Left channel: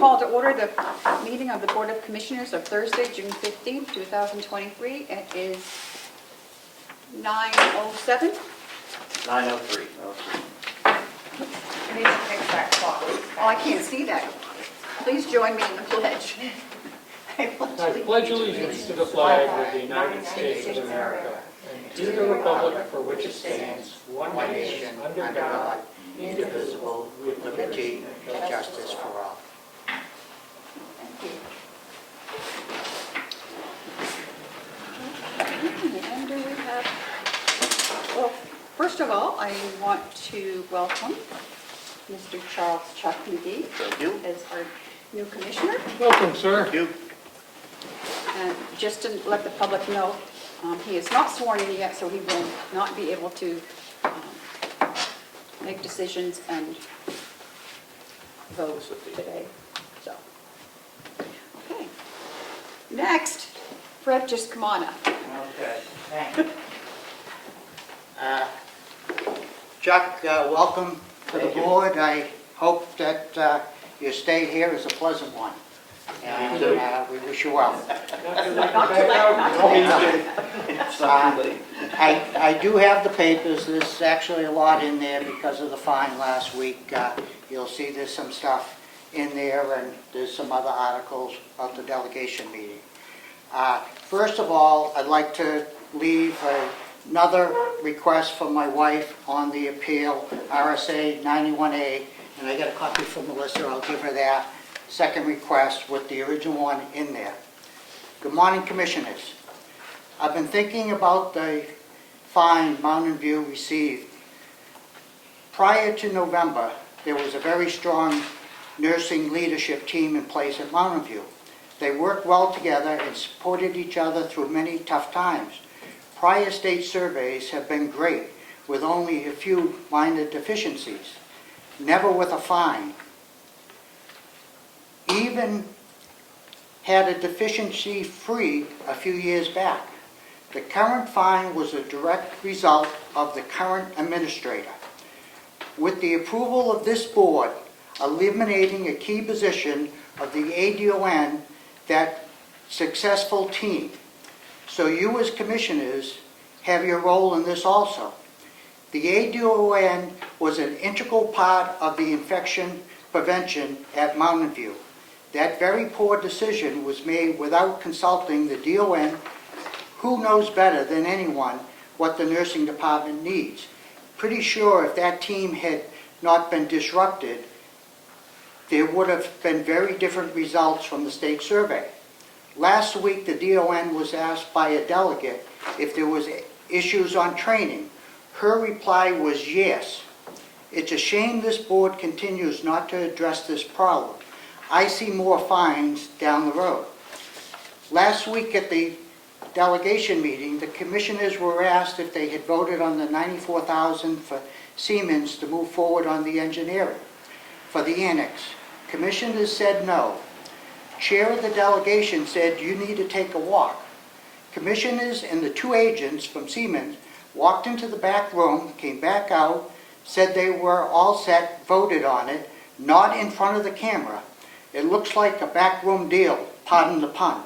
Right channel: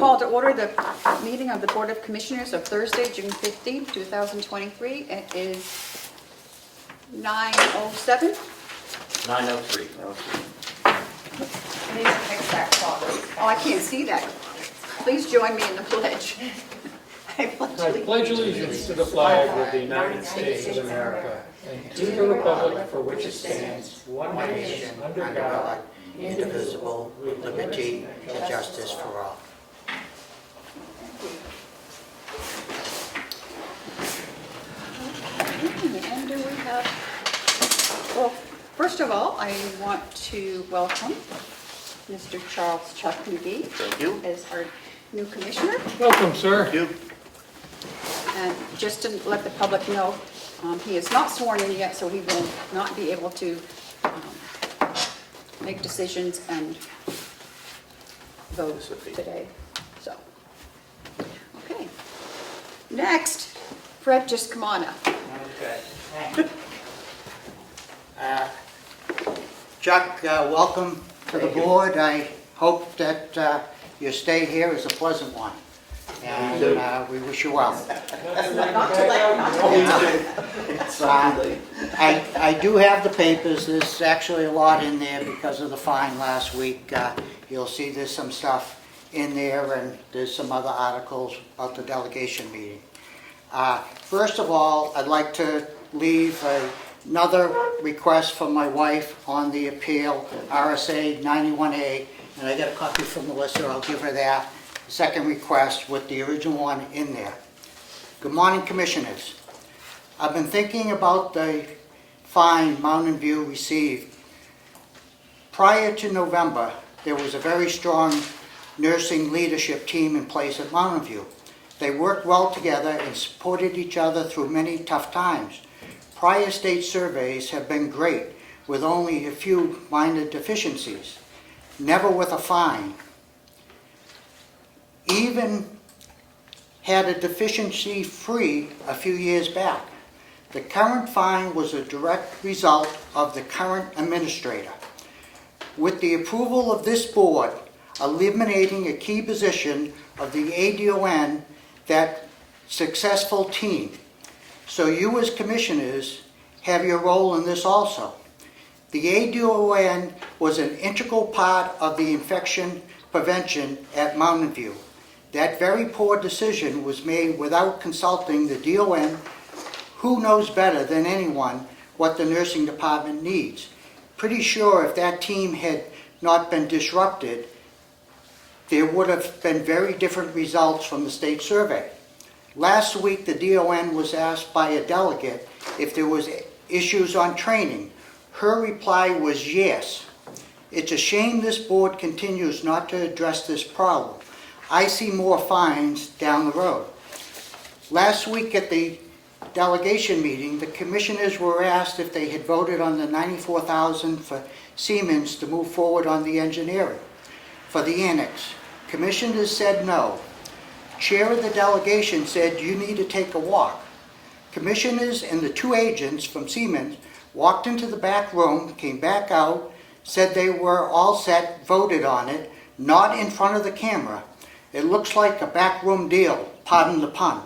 call to order the meeting of the Board of Commissioners of Thursday, June 15, 2023. It is 9:07. 9:03. Please fix that clock. Oh, I can't see that. Please join me in the pledge. I I pledge allegiance to the flag of the United States of America and to the republic for which it stands, one nation, under God, indivisible, with liberty and justice for all. And do we have, well, first of all, I want to welcome Mr. Charles Chuck McGee. Thank you. As our new commissioner. Welcome, sir. Thank you. And just to let the public know, he is not sworn in yet, so he will not be able to make decisions and vote today. So, okay. Next, Fred, just come on up. Okay. Chuck, welcome to the board. I hope that your stay here is a pleasant one. And we wish you well. I do have the papers. There's actually a lot in there because of the fine last week. You'll see there's some stuff in there, and there's some other articles about the delegation meeting. First of all, I'd like to leave another request from my wife on the appeal, RSA 91A, and I got a copy from Melissa. I'll give her that. Second request with the original one in there. Good morning, Commissioners. I've been thinking about the fine Mountain View received. Prior to November, there was a very strong nursing leadership team in place at Mountain View. They worked well together and supported each other through many tough times. Prior state surveys have been great, with only a few minor deficiencies, never with a fine. Even had a deficiency free a few years back. The current fine was a direct result of the current administrator. With the approval of this board, eliminating a key position of the ADON, that successful team. So you as commissioners have your role in this also. The ADON was an integral part of the infection prevention at Mountain View. That very poor decision was made without consulting the DON, who knows better than anyone what the nursing department needs. Pretty sure if that team had not been disrupted, there would have been very different results from the state survey. Last week, the DON was asked by a delegate if there was issues on training. Her reply was yes. It's a shame this board continues not to address this problem. I see more fines down the road. Last week at the delegation meeting, the commissioners were asked if they had voted on the $94,000 for Siemens to move forward on the engineering for the annex. Commissioners said no. Chair of the delegation said you need to take a walk. Commissioners and the two agents from Siemens walked into the back room, came back out, said they were all set, voted on it, not in front of the camera. It looks like a backroom deal, pardon the pun.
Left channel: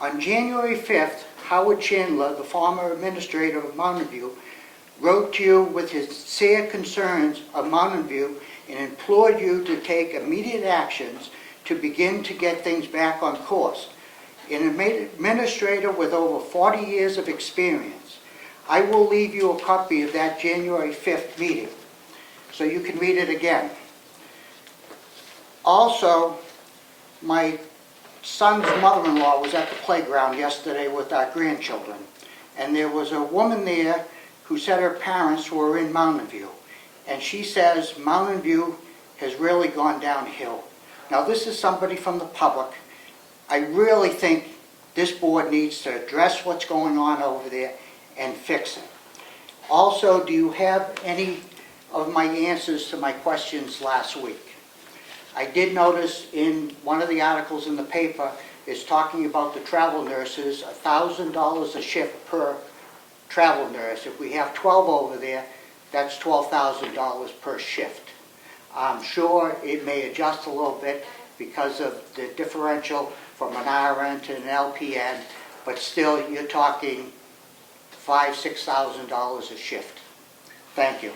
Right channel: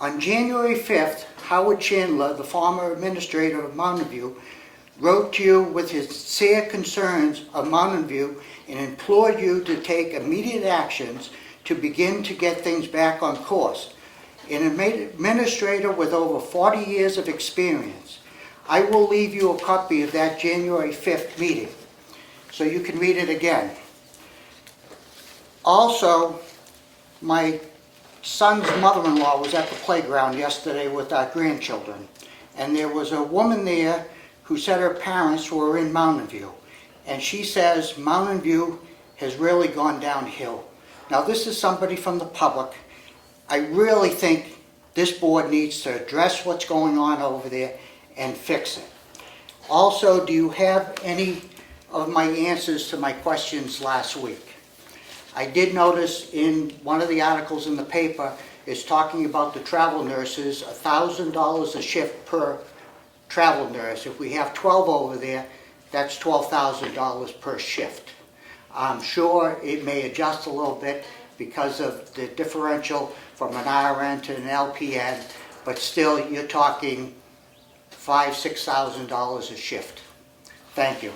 On January 5th, Howard Chandler, the former administrator of Mountain View, wrote to you with his sincere concerns of Mountain View and implored you to take immediate actions to begin to get things back on course. An administrator with over 40 years of experience. I will leave you a copy of that January 5th meeting so you can read it again. Also, my son's mother-in-law was at the playground yesterday with our grandchildren, and there was a woman there who said her parents were in Mountain View, and she says Mountain View has really gone downhill. Now, this is somebody from the public. I really think this board needs to address what's going on over there and fix it. Also, do you have any of my answers to my questions last week? I did notice in one of the articles in the paper, it's talking about the travel nurses, $1,000 a shift per travel nurse. If we have 12 over there, that's $12,000 per shift. I'm sure it may adjust a little bit because of the differential from an RN to an LPN, but still, you're talking $5,000, $6,000 a shift. Thank you.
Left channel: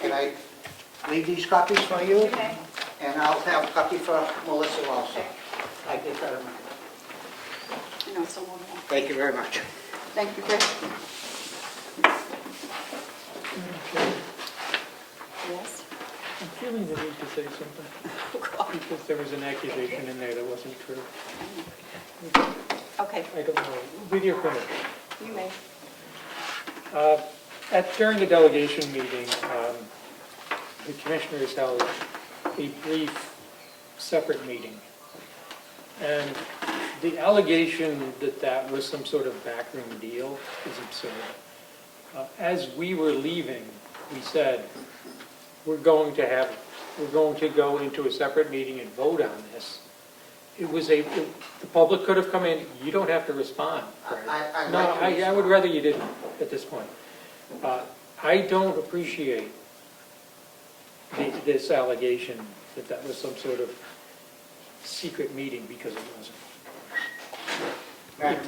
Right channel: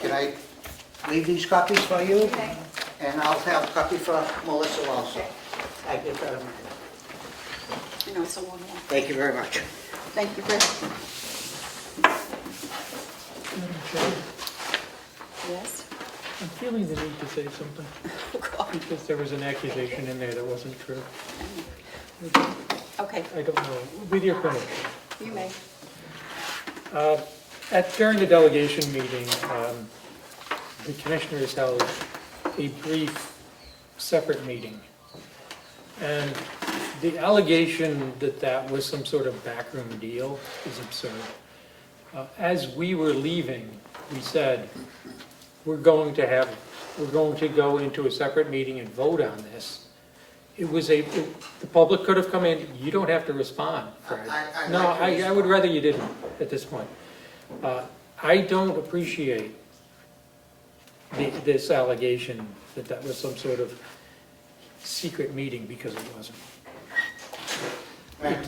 Can I leave these copies for you? Okay. And I'll have a copy for Melissa also. I get that. You know, it's a long one. Thank you very much. Thank you, Chris. Yes? I'm feeling the need to say something, Oh, God. because there was an accusation in there that wasn't true. Okay, I don't know, with your permission. you may. During the delegation meeting, the commissioners held a brief, separate meeting. And the allegation that that was some sort of backroom deal is absurd. As we were leaving, we said, we're going to go into a separate meeting and vote on this. The public could have come in, you don't have to respond, Fred. I would rather you didn't at this point. I don't appreciate this allegation that that was some sort of secret meeting, because it wasn't.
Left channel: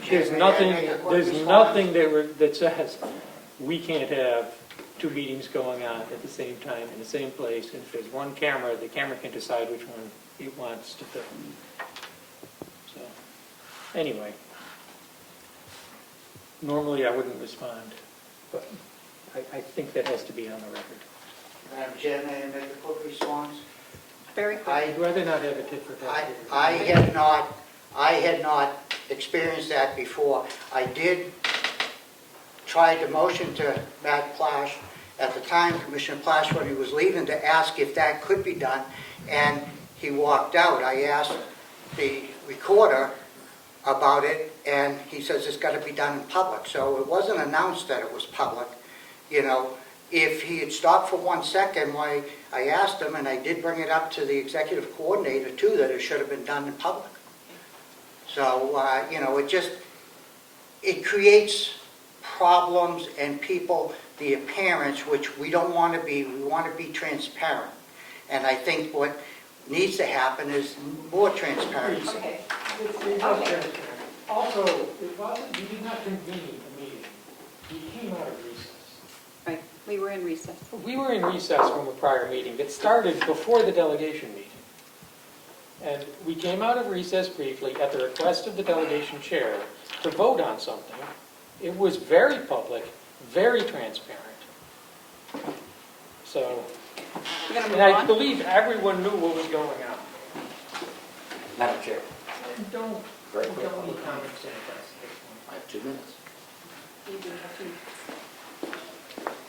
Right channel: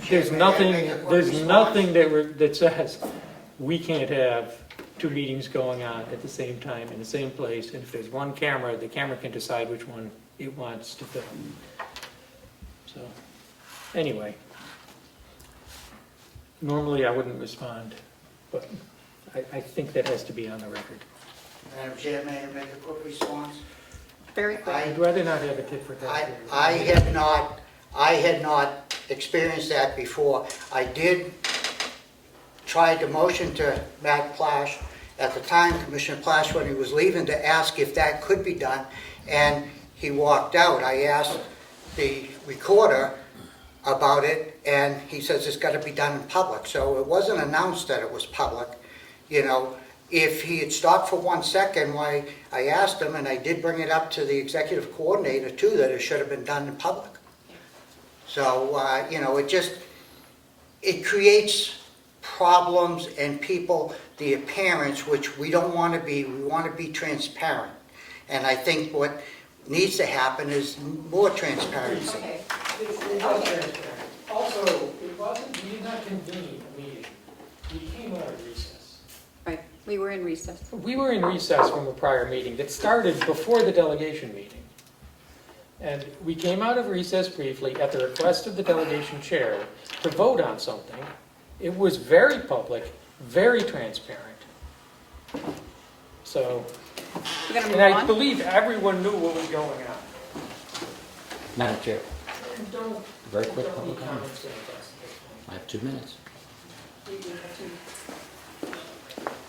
There's nothing that says we can't have two meetings going on at the same time in the same place, and if there's one camera, the camera can decide which one it wants to film. So, anyway, normally I wouldn't respond, but I think that has to be on the record. Madam Chair, may I make a quick response? Very quick. I'd rather not have a tit for tat. I had not experienced that before. I did try to motion to Matt Plash, at the time, Commissioner Plash, when he was leaving, to ask if that could be done, and he walked out. I asked the recorder about it, and he says it's got to be done in public. So it wasn't announced that it was public. You know, if he had stopped for 1 second, why, I asked him, and I did bring it up to the executive coordinator too, that it should have been done in public. So, you know, it creates problems and people, the appearance, which we don't want to be. We want to be transparent. And I think what needs to happen is more transparency. Okay. Also, we did not convene a meeting. We came out of recess. Right, we were in recess. We were in recess from a prior meeting that started before the delegation meeting. And we came out of recess briefly at the request of the delegation chair to vote on something. It was very public, very transparent. So, We're going to and move I on. believe everyone knew what was going on. Madam Chair, And don't very quick don't public be comment. comments at us. I have 2 minutes. You do have to-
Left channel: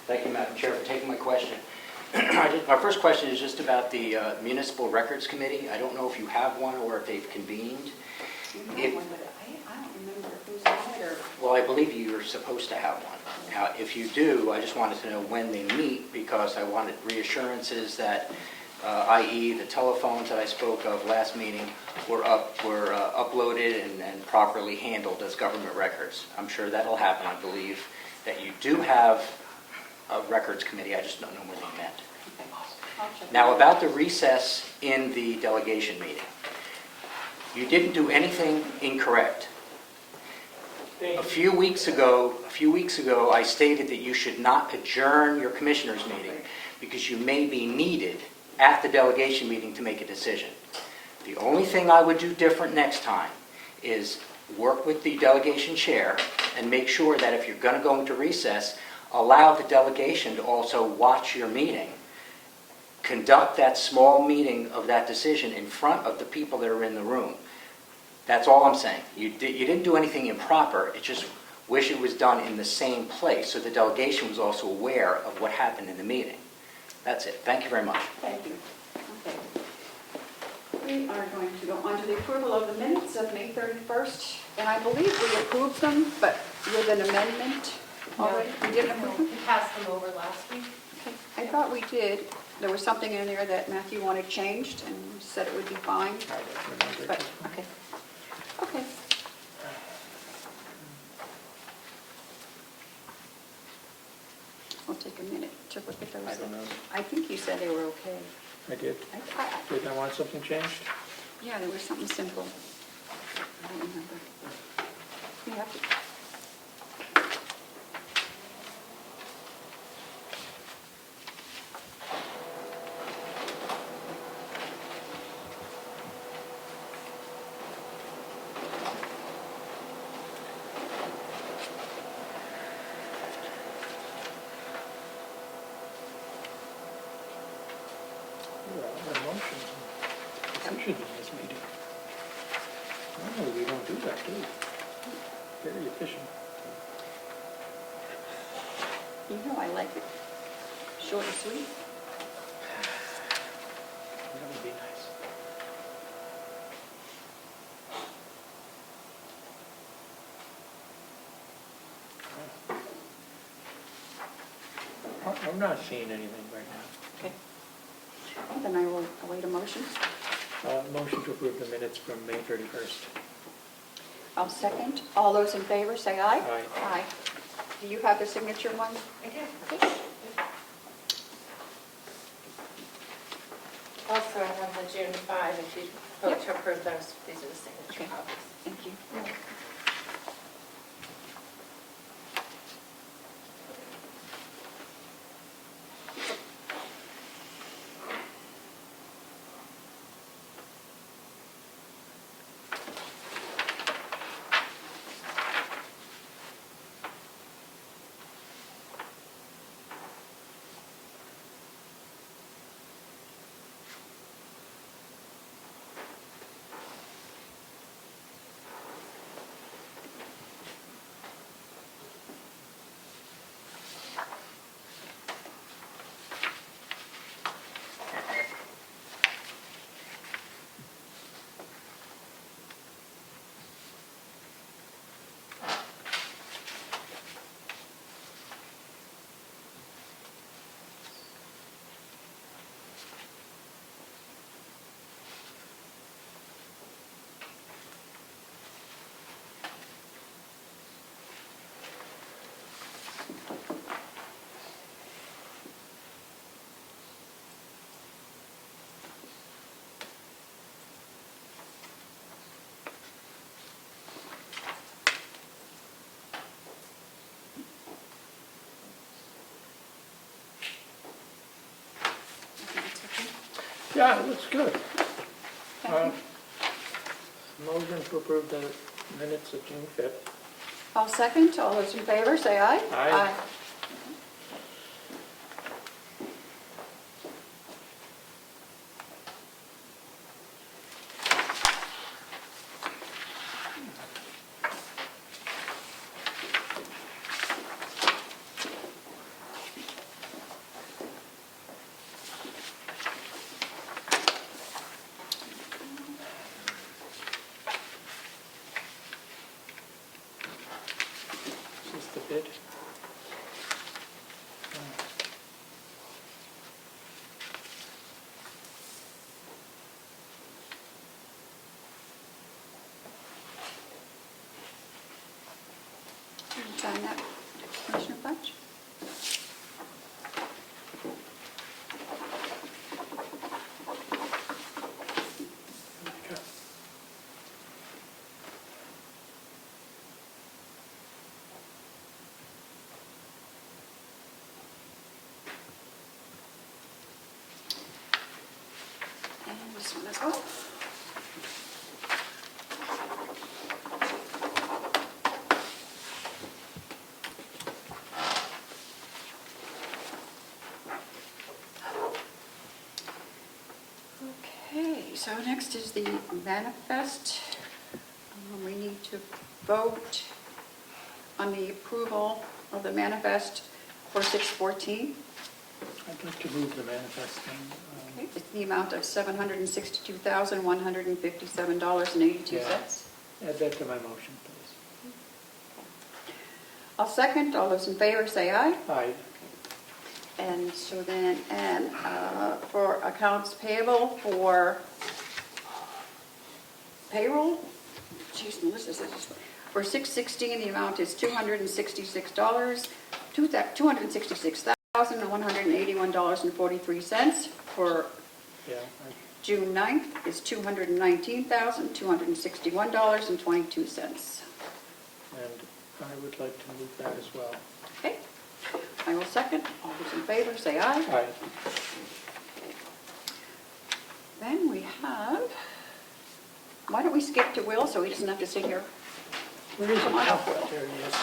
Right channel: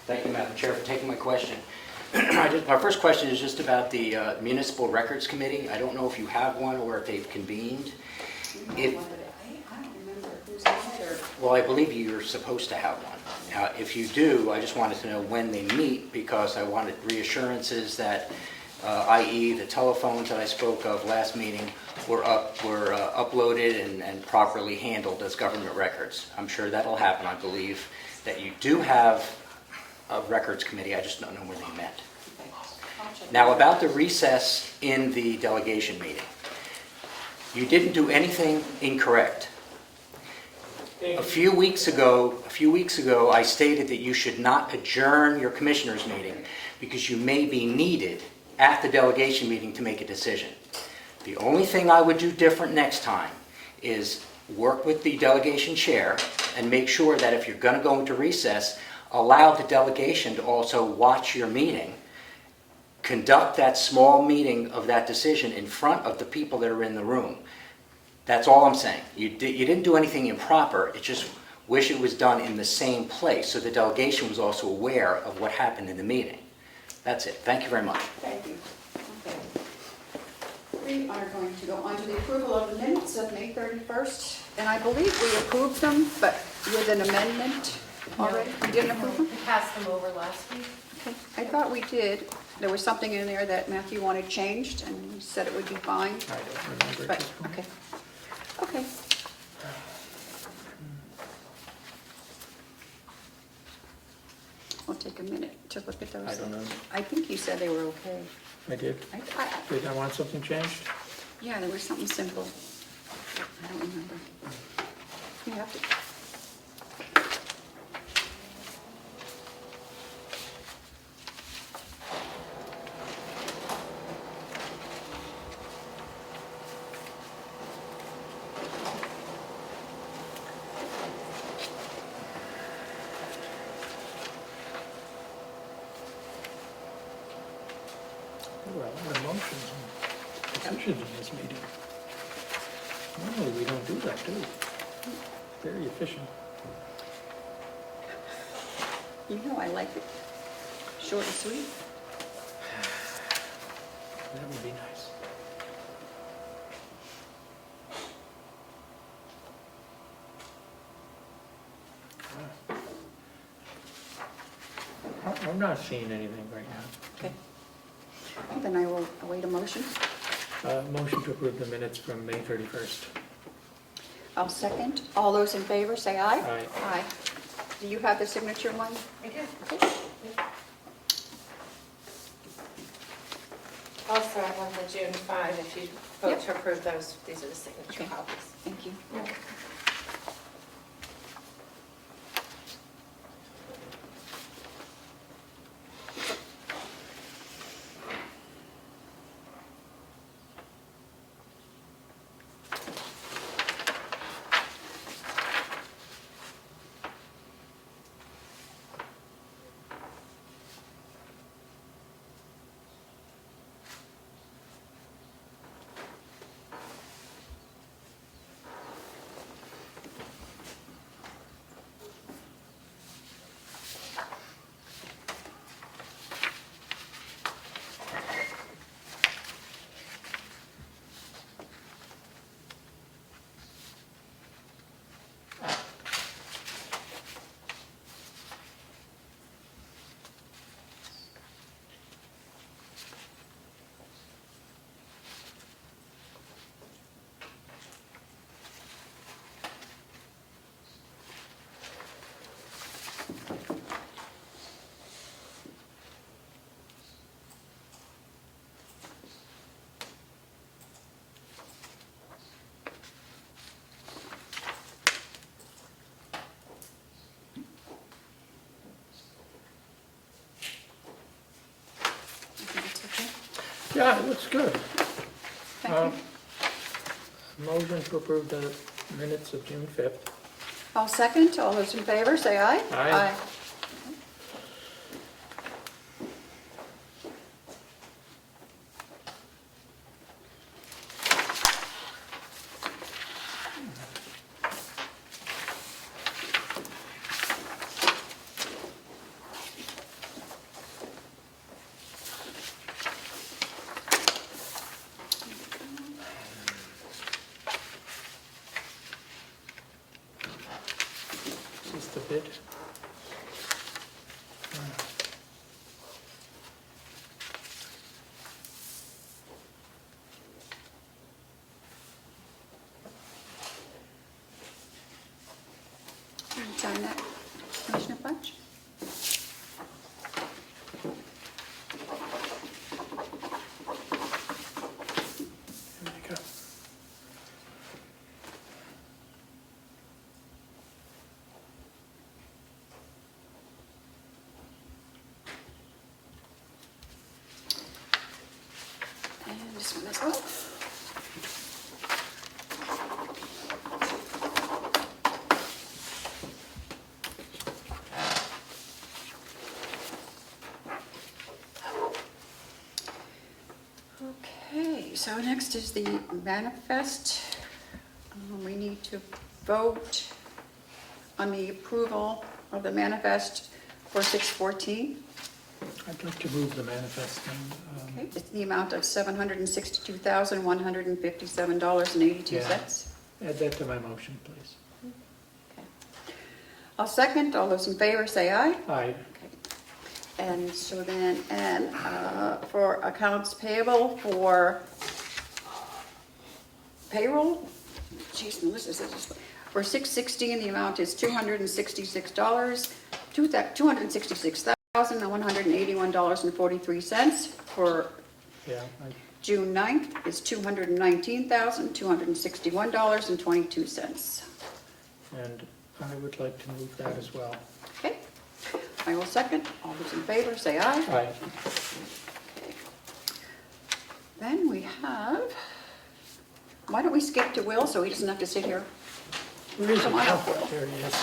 Thank you, Madam Chair, for taking my question. My first question is just about the Municipal Records Committee. I don't know if you have one or if they've convened. I don't remember who's on there. Well, I believe you're supposed to have one. If you do, I just wanted to know when they meet, because I wanted reassurances that, i.e. the telephones that I spoke of last meeting were uploaded and properly handled as government records. I'm sure that'll happen. I believe that you do have a records committee. I just don't know when they met. I'll check. Now, about the recess in the delegation meeting. You didn't do anything incorrect. A few weeks ago, I stated that you should not adjourn your commissioners' meeting because you may be needed at the delegation meeting to make a decision. The only thing I would do different next time is work with the delegation chair and make sure that if you're going to go into recess, allow the delegation to also watch your meeting, conduct that small meeting of that decision in front of the people that are in the room. That's all I'm saying. You didn't do anything improper. It just wish it was done in the same place so the delegation was also aware of what happened in the meeting. That's it. Thank you very much. Thank you. Okay. We are going to go on to the approval of the minutes of May 31st, and I believe we approved them, but with an amendment already. We didn't approve them? We passed them over last week. Okay. I thought we did. There was something in there that Matthew wanted changed, and he said it would be fine, I don't remember. but, okay. Okay. We'll take a minute to look at those. I don't know. I think you said they were okay. I did. Did I want something changed? Yeah, there was something simple. I don't remember. You have to. There are emotions and decisions in this meeting. Normally, we don't do that, do we? Very efficient. You know I like it short and sweet. That would be nice. I'm not seeing anything right now. Okay. Then I will await a motion. Motion to approve the minutes from May 31st. I'll second. All those in favor, say aye. Aye. Aye. Do you have the signature one? I do. Okay. Also, I have the June 5, if you vote to approve those, these are the signature Okay. copies. Thank you. Yeah, it looks good. Thank you. Motion to approve the minutes of June 5th. I'll second. All those in favor, say aye. Aye. Is this the bid? Sign that, Commissioner Fletch. There we go. And this one as well. Okay, so next is the manifest. We need to vote on the approval of the manifest for 6/14. I'd like to move the manifest. Okay, it's the amount of $762,157.82. Add that to my motion, please. I'll second. All those in favor say aye. Aye. And so then, for accounts payable for payroll, geez, Melissa said this, for 6/16, the amount is $266, $266,181.43 for Yeah, June 9th is $219,261.22. and I would like to move that as well. Okay, I will second. All those in favor, say aye. Aye. Then we have, why don't we skip to Will so he doesn't have to sit here? Where is it? Come on up, Will. There it is.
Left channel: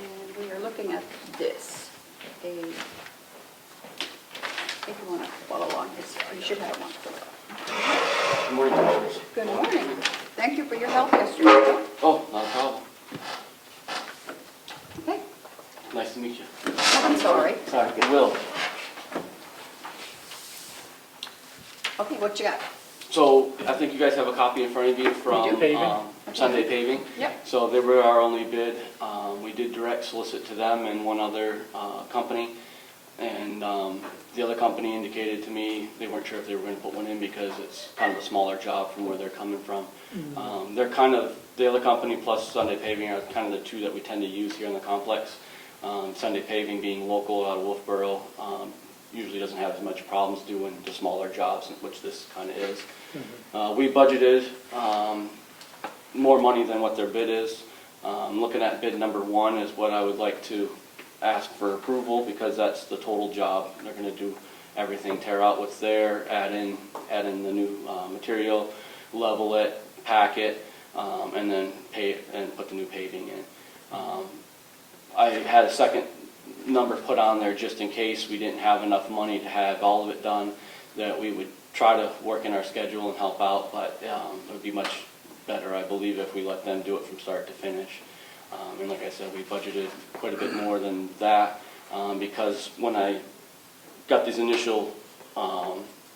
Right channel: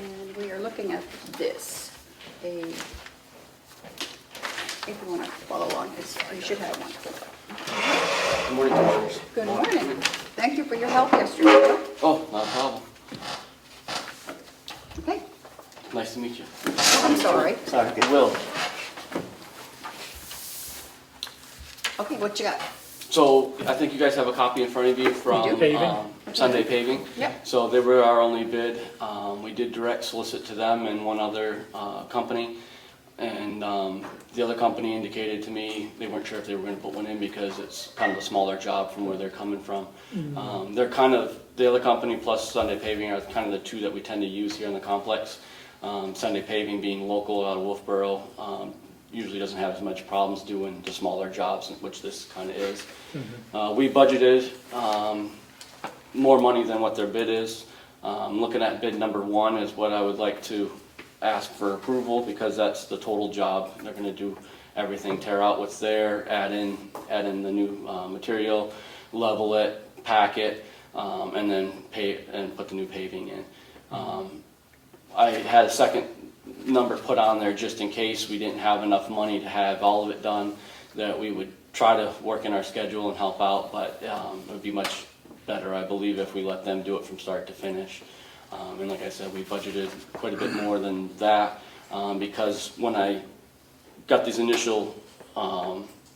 And we are looking at this. If you want to follow along, you should have one. Good morning, Commissioners. Good morning. Thank you for your help yesterday. Oh, not a problem. Okay, Nice to meet you. I'm sorry. Will. Okay, what you got? So I think you guys have a copy in front of you We from do. Paving. Sunday Paving. Yep. So they were our only bid. We did direct solicit to them and one other company. And the other company indicated to me they weren't sure if they were going to put one in because it's kind of a smaller job from where they're coming from. They're kind of, the other company plus Sunday Paving are kind of the two that we tend to use here in the complex. Sunday Paving being local out of Wolfboro, usually doesn't have as much problems doing the smaller jobs, which this kind of is. We budgeted more money than what their bid is. Looking at bid number 1 is what I would like to ask for approval because that's the total job. They're going to do everything, tear out what's there, add in the new material, level it, pack it, and then put the new paving in. I had a second number put on there just in case we didn't have enough money to have all of it done, that we would try to work in our schedule and help out, but it would be much better, I believe, if we let them do it from start to finish. And like I said, we budgeted quite a bit more than that because when I got these initial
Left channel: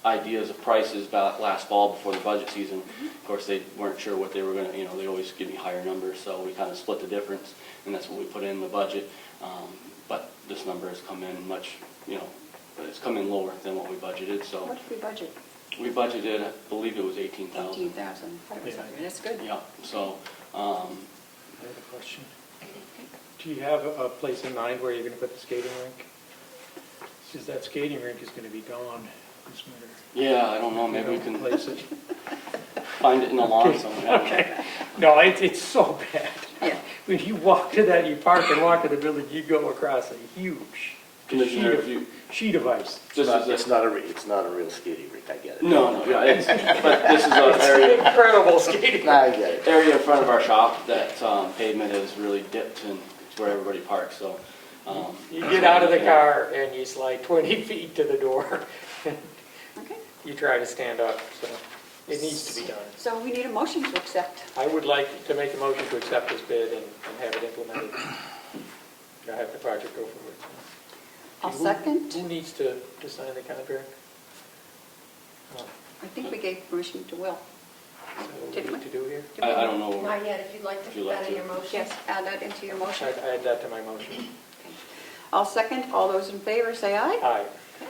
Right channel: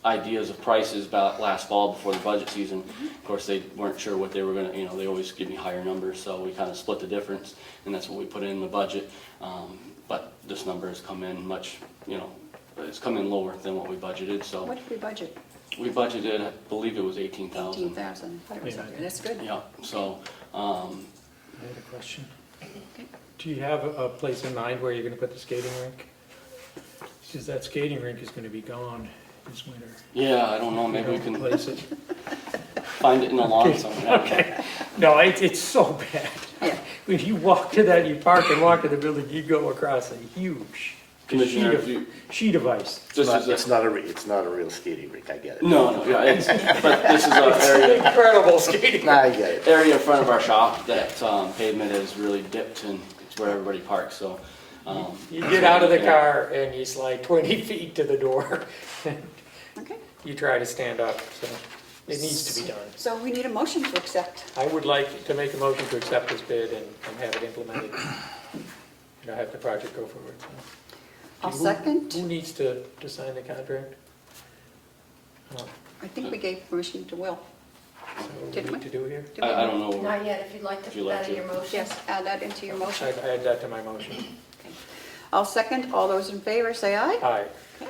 ideas of prices about last fall before the budget season, of course they weren't sure what they were going to, they always give me higher numbers, so we kind of split the difference, and that's what we put in the budget. But this number has come in much, it's come in lower than what we budgeted, so. What did we budget? We budgeted, I believe it was 18,000. 18,000. That's good. Yeah, so, Another question. Do you have a place in mind where you're going to put the skating rink? Since that skating rink is going to be gone this winter. yeah, I don't know, maybe we can Replace it. find it in the lawn somewhere. Okay. No, it's so bad. Yeah. When you walk to that, you park and walk in the building, you go across a huge Commissioner, if you, sheet of ice. this is It's not a real skating rink, I get it. no, yeah, but this is an area, Incredible skating. Nah, I get it. area in front of our shop that pavement is really dipped and it's where everybody parks, so. You get out of the car and you slide 20 feet to the door. Okay, You try to stand up, so it needs to be done. so we need a motion to accept. I would like to make a motion to accept this bid and have it implemented. Have the project go forward. So. I'll Who- second. Who needs to sign the contract? I think we gave permission to Will. So what do Didn't we we? need to do here? Did we? I don't know, Not yet, if you'd like to If you'd put like that in to. your motion. Yes, add that into your motion. I'd add that to my motion. I'll second. All those in favor, say aye. Aye. yeah,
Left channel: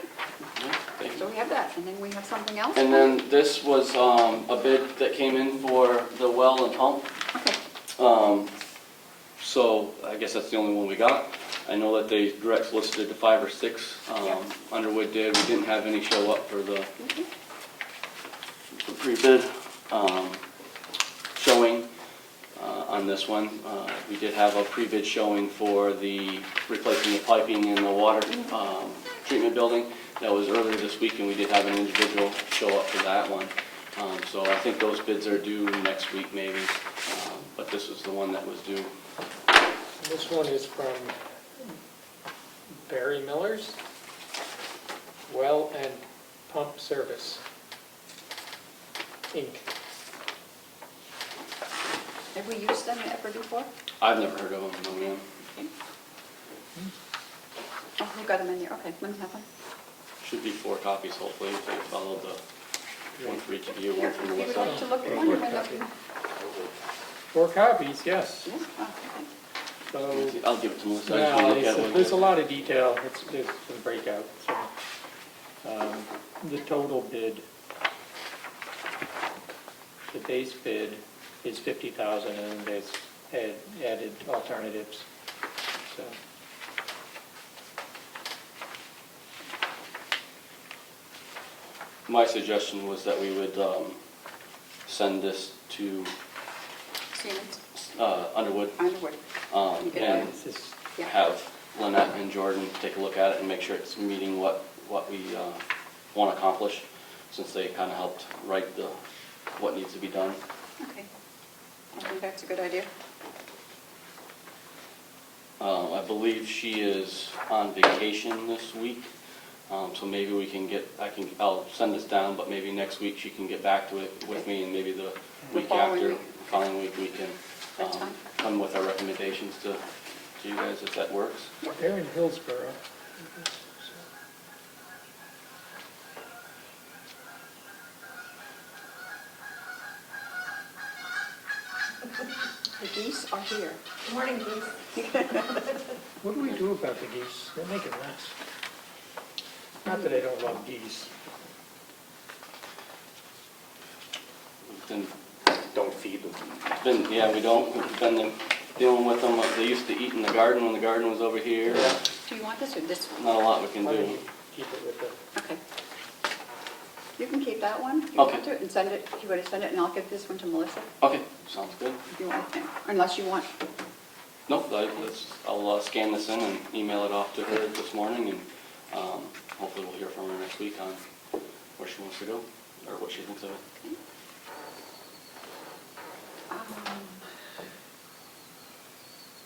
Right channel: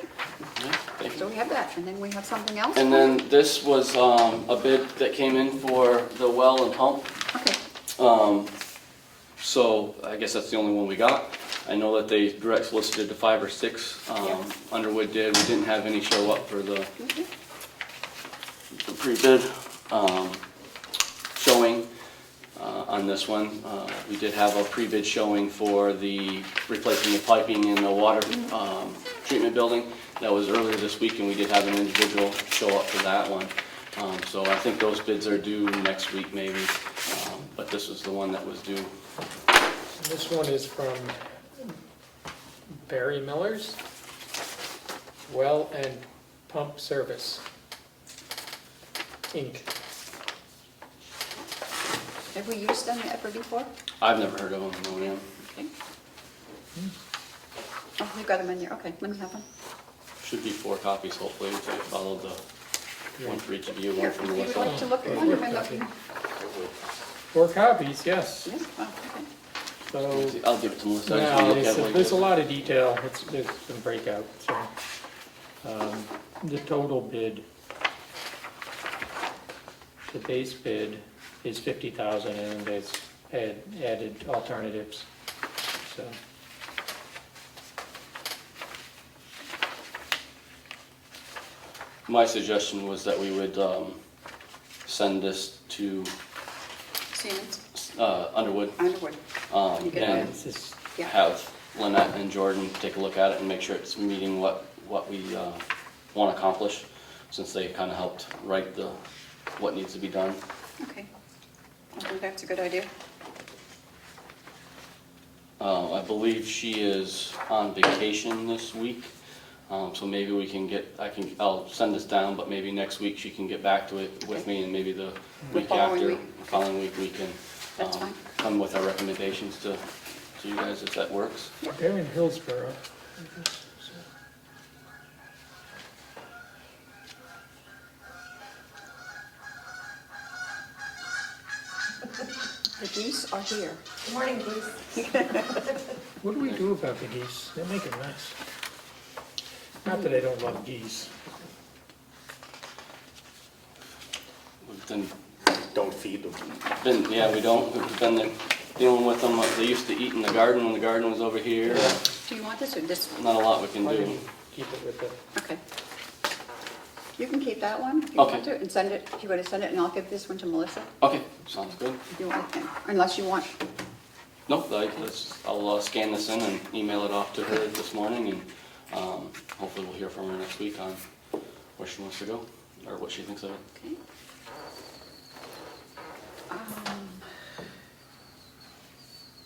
thank you. So we have that, and then we have something else? And then this was a bid that came in for the well and pump. Okay, So I guess that's the only one we got. I know that they direct solicited to 5 or 6. Underwood did. We didn't have any show up for the pre-bid showing on this one. We did have a pre-bid showing for the replacing the piping in the water treatment building. That was earlier this week, and we did have an individual show up for that one. So I think those bids are due next week maybe, but this was the one that was due. This one is from Barry Miller's Well and Pump Service, Inc. have we used them ever before? I've never heard of them, no ma'am. Oh, you got them in there, okay, let me have one. Should be 4 copies hopefully, if they followed the one for each of you, one from If you'd Melissa. like to look at one, you may look. 4 copies, yes. Yeah, oh, okay. So, I'll give it to Melissa, I just want to no, look at what there's a you lot of detail. It's been breakout. So, the total bid, the base bid is 50,000, and there's added alternatives. So. My suggestion was that we would send this to Siemens, Underwood Underwood. You get and that? Yeah. have Lynette and Jordan take a look at it and make sure it's meeting what we want to accomplish, since they kind of helped write what needs to be done. Okay. I think that's a good idea. I believe she is on vacation this week, so maybe we can I'll send this down, but maybe next week she can get back to it with me, and maybe the week after, following week, we can That's fine. come with our recommendations to you guys, if that works. They're in Hillsborough. The geese are here. Good morning, Bruce. What do we do about the geese? They make a mess. Not that I don't love geese. We've Don't feed them. we don't, we've been dealing with them. They used to eat in the garden when the garden was over here. Do you want this or this one? Not a lot we can Why don't do. you keep it with the, Okay. You can keep that one if you Okay. want to, and send it, if you want to send it, and I'll give this one to Melissa, Okay, sounds good. if you want to, unless you want. Nope, I'll scan this in and email it off to her this morning, and hopefully we'll hear from her next week on where she wants to go, or what she thinks of it. Okay.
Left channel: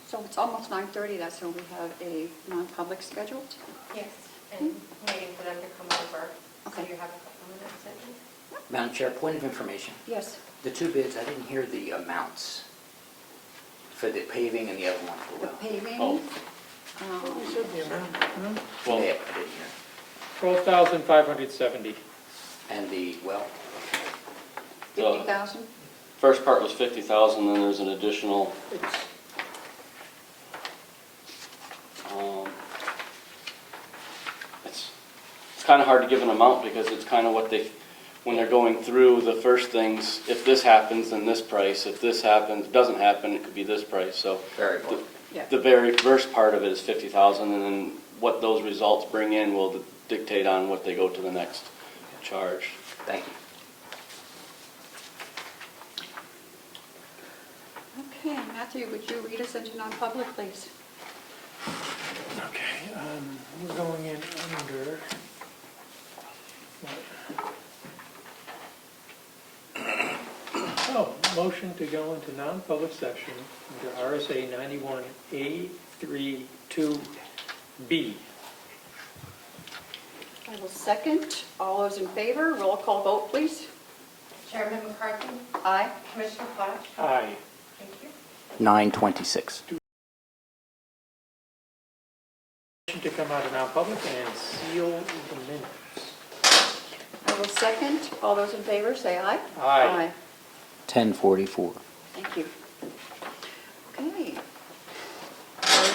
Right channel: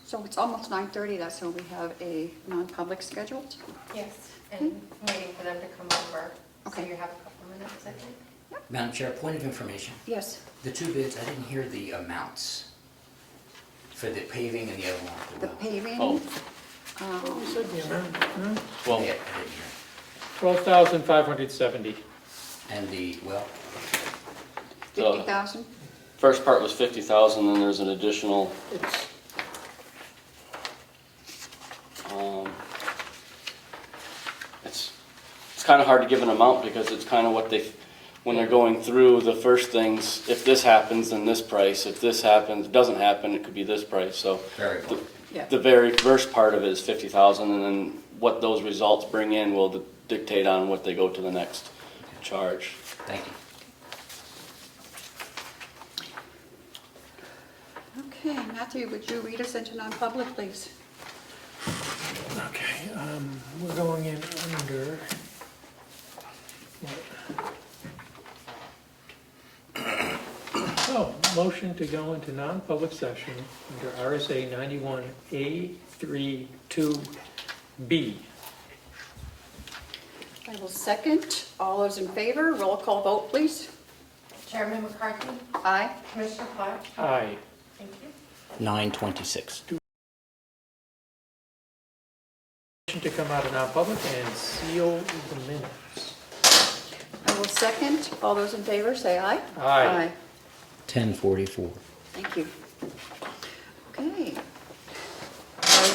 So it's almost 9:30, that's when we have a non-public scheduled. Yes, and waiting for them to come over. So Okay. you have a couple minutes, I think. Madam Chair, point of information. Yes. The two bids, I didn't hear the amounts for the paving and the other one, the The well. paving. Oh. you said the amount, no? Well, Yeah, I didn't hear. 12,570. And the well, 50,000? first part was 50,000, then there's an additional, It's, it's kind of hard to give an amount, because it's kind of what when they're going through the first things, if this happens, then this price, if this happens, doesn't happen, it could be this price, so. variable. Yeah. The very first part of it is 50,000, and then what those results bring in will dictate on what they go to the next charge. Thank you. Okay, Matthew, would you read us into non-public, please? okay, we're going in under. Oh, motion to go into non-public session under RSA 91A32B. I will second. All those in favor, roll call vote, please. Chairman McCarthy, Aye. Commissioner Platt, Aye. thank you. 9:26. Motion to come out of non-public and seal the minutes. I will second. All those in favor, say aye. Aye. 10:44. Thank you. Okay. Our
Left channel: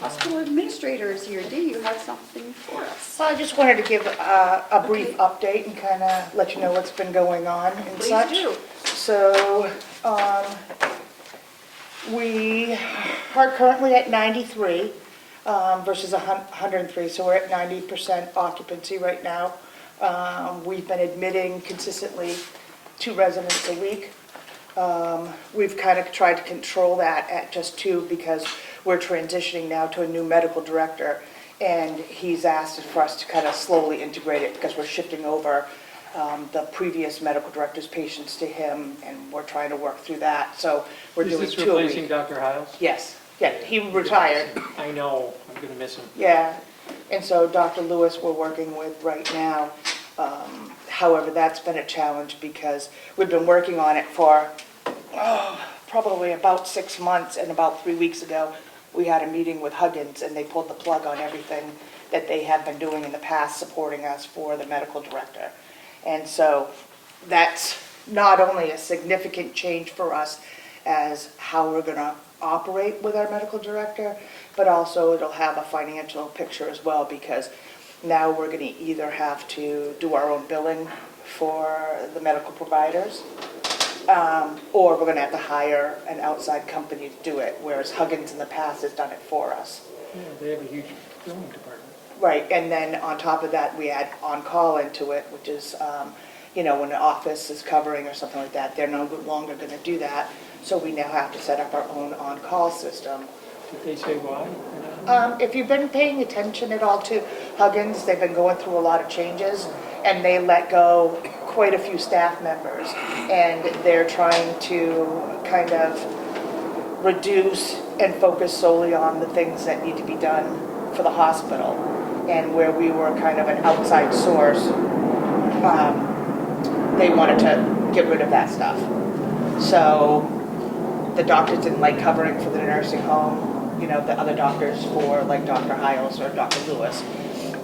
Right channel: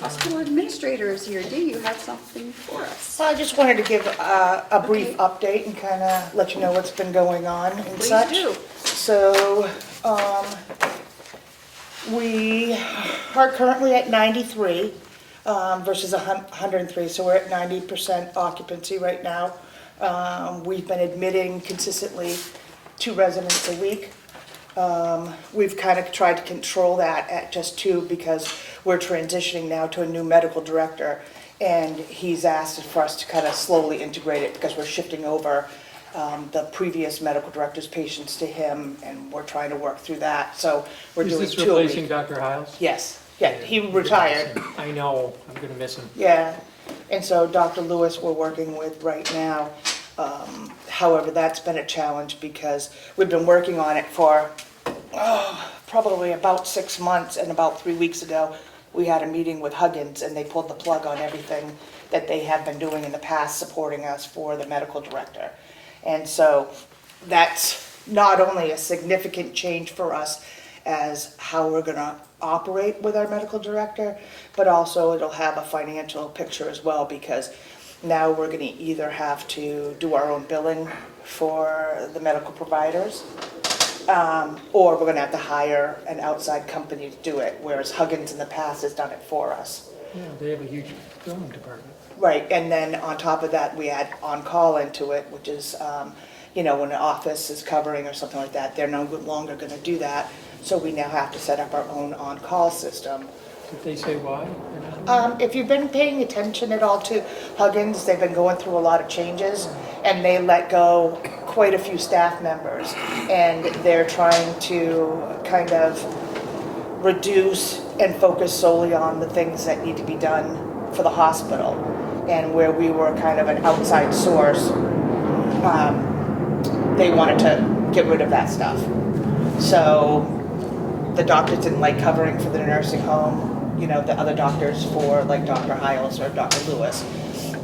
hospital administrator is here. Dee, you have something for us? Well, I just wanted to give a brief update and kind of let you know what's been going on and Please such. do. So, we are currently at 93 versus 103, so we're at 90% occupancy right now. We've been admitting consistently 2 residents a week. We've kind of tried to control that at just 2 because we're transitioning now to a new medical director, and he's asked for us to kind of slowly integrate it because we're shifting over the previous medical director's patients to him, and we're trying to work through that. So we're doing 2 a Is this replacing week. Dr. Hiles? Yes, yeah, he retired. I know, I'm going to miss him. Yeah, and so Dr. Lewis we're working with right now. However, that's been a challenge because we've been working on it for probably about 6 months, and about 3 weeks ago, we had a meeting with Huggins, and they pulled the plug on everything that they have been doing in the past, supporting us for the medical director. And so that's not only a significant change for us as how we're going to operate with our medical director, but also it'll have a financial picture as well, because now we're going to either have to do our own billing for the medical providers, or we're going to have to hire an outside company to do it, whereas Huggins in the past has done it for us. Yeah, they have a huge billing department. Right, and then on top of that, we add on-call into it, which is, when the office is covering or something like that, they're no longer going to do that. So we now have to set up our own on-call system. Did they say why? If you've been paying attention at all to Huggins, they've been going through a lot of changes, and they let go quite a few staff members. And they're trying to kind of reduce and focus solely on the things that need to be done for the hospital. And where we were kind of an outside source, they wanted to get rid of that stuff. So the doctors didn't like covering for the nursing home, the other doctors for like Dr. Hiles or Dr. Lewis.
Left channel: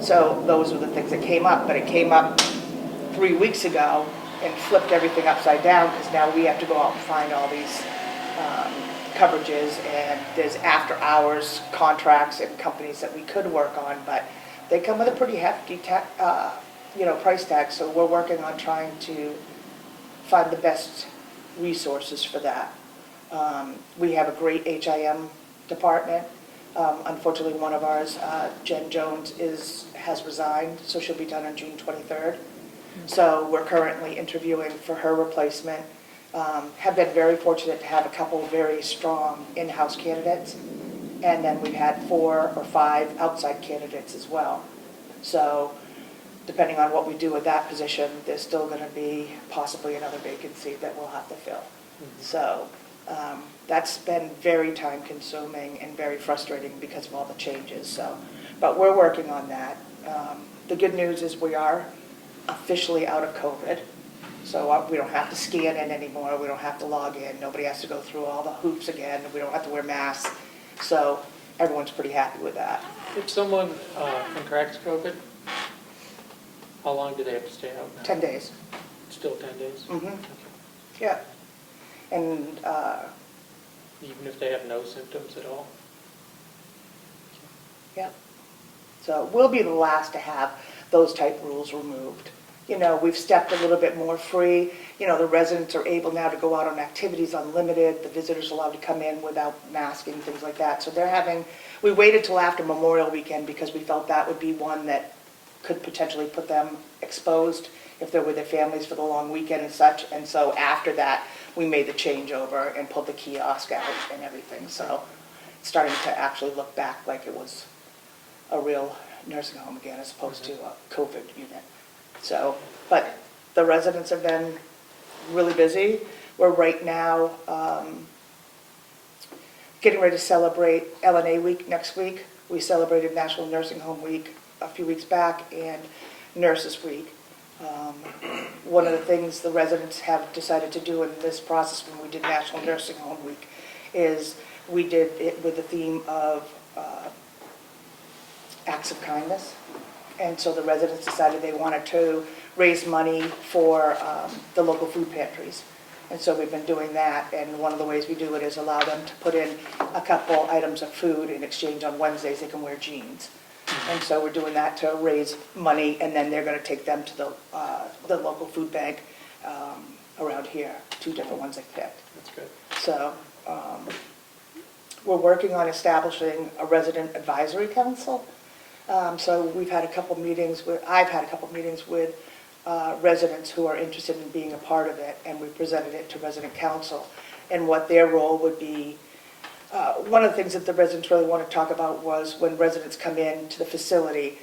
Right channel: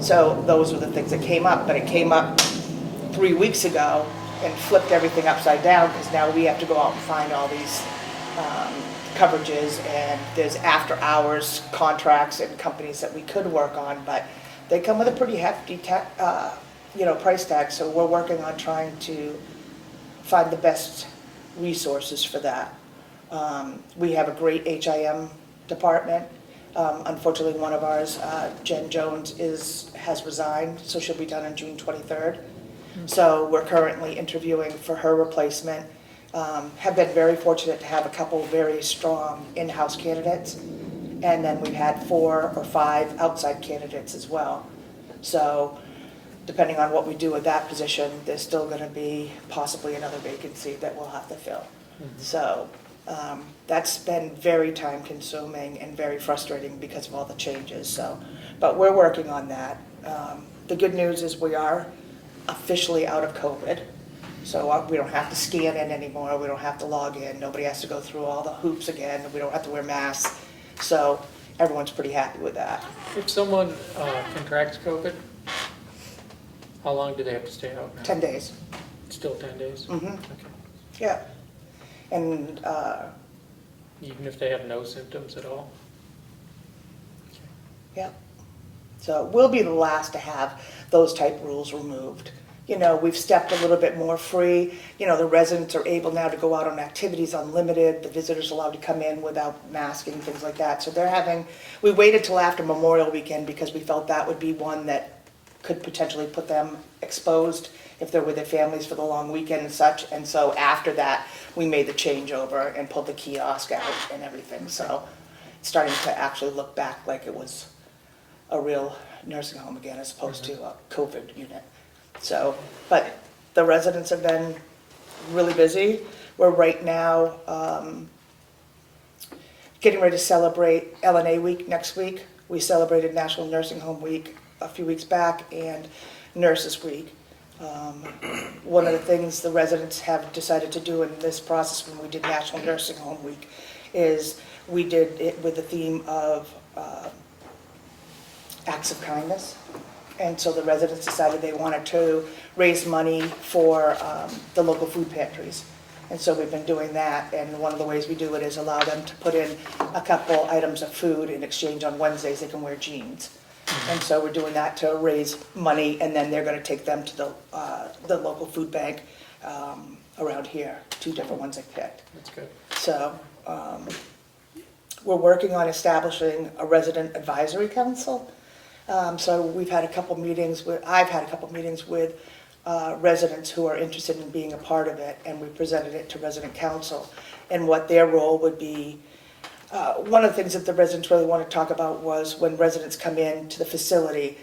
So those were the things that came up, but it came up 3 weeks ago and flipped everything upside down because now we have to go out and find all these coverages, and there's after hours contracts and companies that we could work on, but they come with a pretty hefty price tag. So we're working on trying to find the best resources for that. We have a great HIM department. Unfortunately, one of ours, Jen Jones, has resigned, so she'll be done on June 23rd. So we're currently interviewing for her replacement. Have been very fortunate to have a couple very strong in-house candidates, and then we've had 4 or 5 outside candidates as well. So depending on what we do with that position, there's still going to be possibly another vacancy that we'll have to fill. So that's been very time consuming and very frustrating because of all the changes. So, but we're working on that. The good news is we are officially out of COVID. So we don't have to scan in anymore. We don't have to log in. Nobody has to go through all the hoops again. We don't have to wear masks. So everyone's pretty happy with that. If someone contracts COVID, how long do they have to stay out? 10 days. Still 10 days? Mm-hmm. Okay. Yeah. And Even if they have no symptoms at all? yeah. So we'll be the last to have those type rules removed. We've stepped a little bit more free. The residents are able now to go out on activities unlimited. The visitors are allowed to come in without masking, things like that. So we waited till after Memorial Weekend because we felt that would be one that could potentially put them exposed if they're with their families for the long weekend and such. And so after that, we made the changeover and pulled the kiosk out and everything. So it's starting to actually look back like it was a real nursing home again as opposed to a COVID unit. So, but the residents have been really busy. We're right now getting ready to celebrate LNA Week next week. We celebrated National Nursing Home Week a few weeks back and Nurses Week. One of the things the residents have decided to do in this process when we did National Nursing Home Week is we did it with the theme of acts of kindness. And so the residents decided they wanted to raise money for the local food pantries. And so we've been doing that, and one of the ways we do it is allow them to put in a couple items of food in exchange. On Wednesdays they can wear jeans. And so we're doing that to raise money, and then they're going to take them to the local food bank around here, 2 different ones I picked. That's good. So we're working on establishing a resident advisory council. So we've had a couple meetings I've had a couple meetings with residents who are interested in being a part of it, and we presented it to resident council and what their role would be. One of the things that the residents really want to talk about was when residents come in to the facility,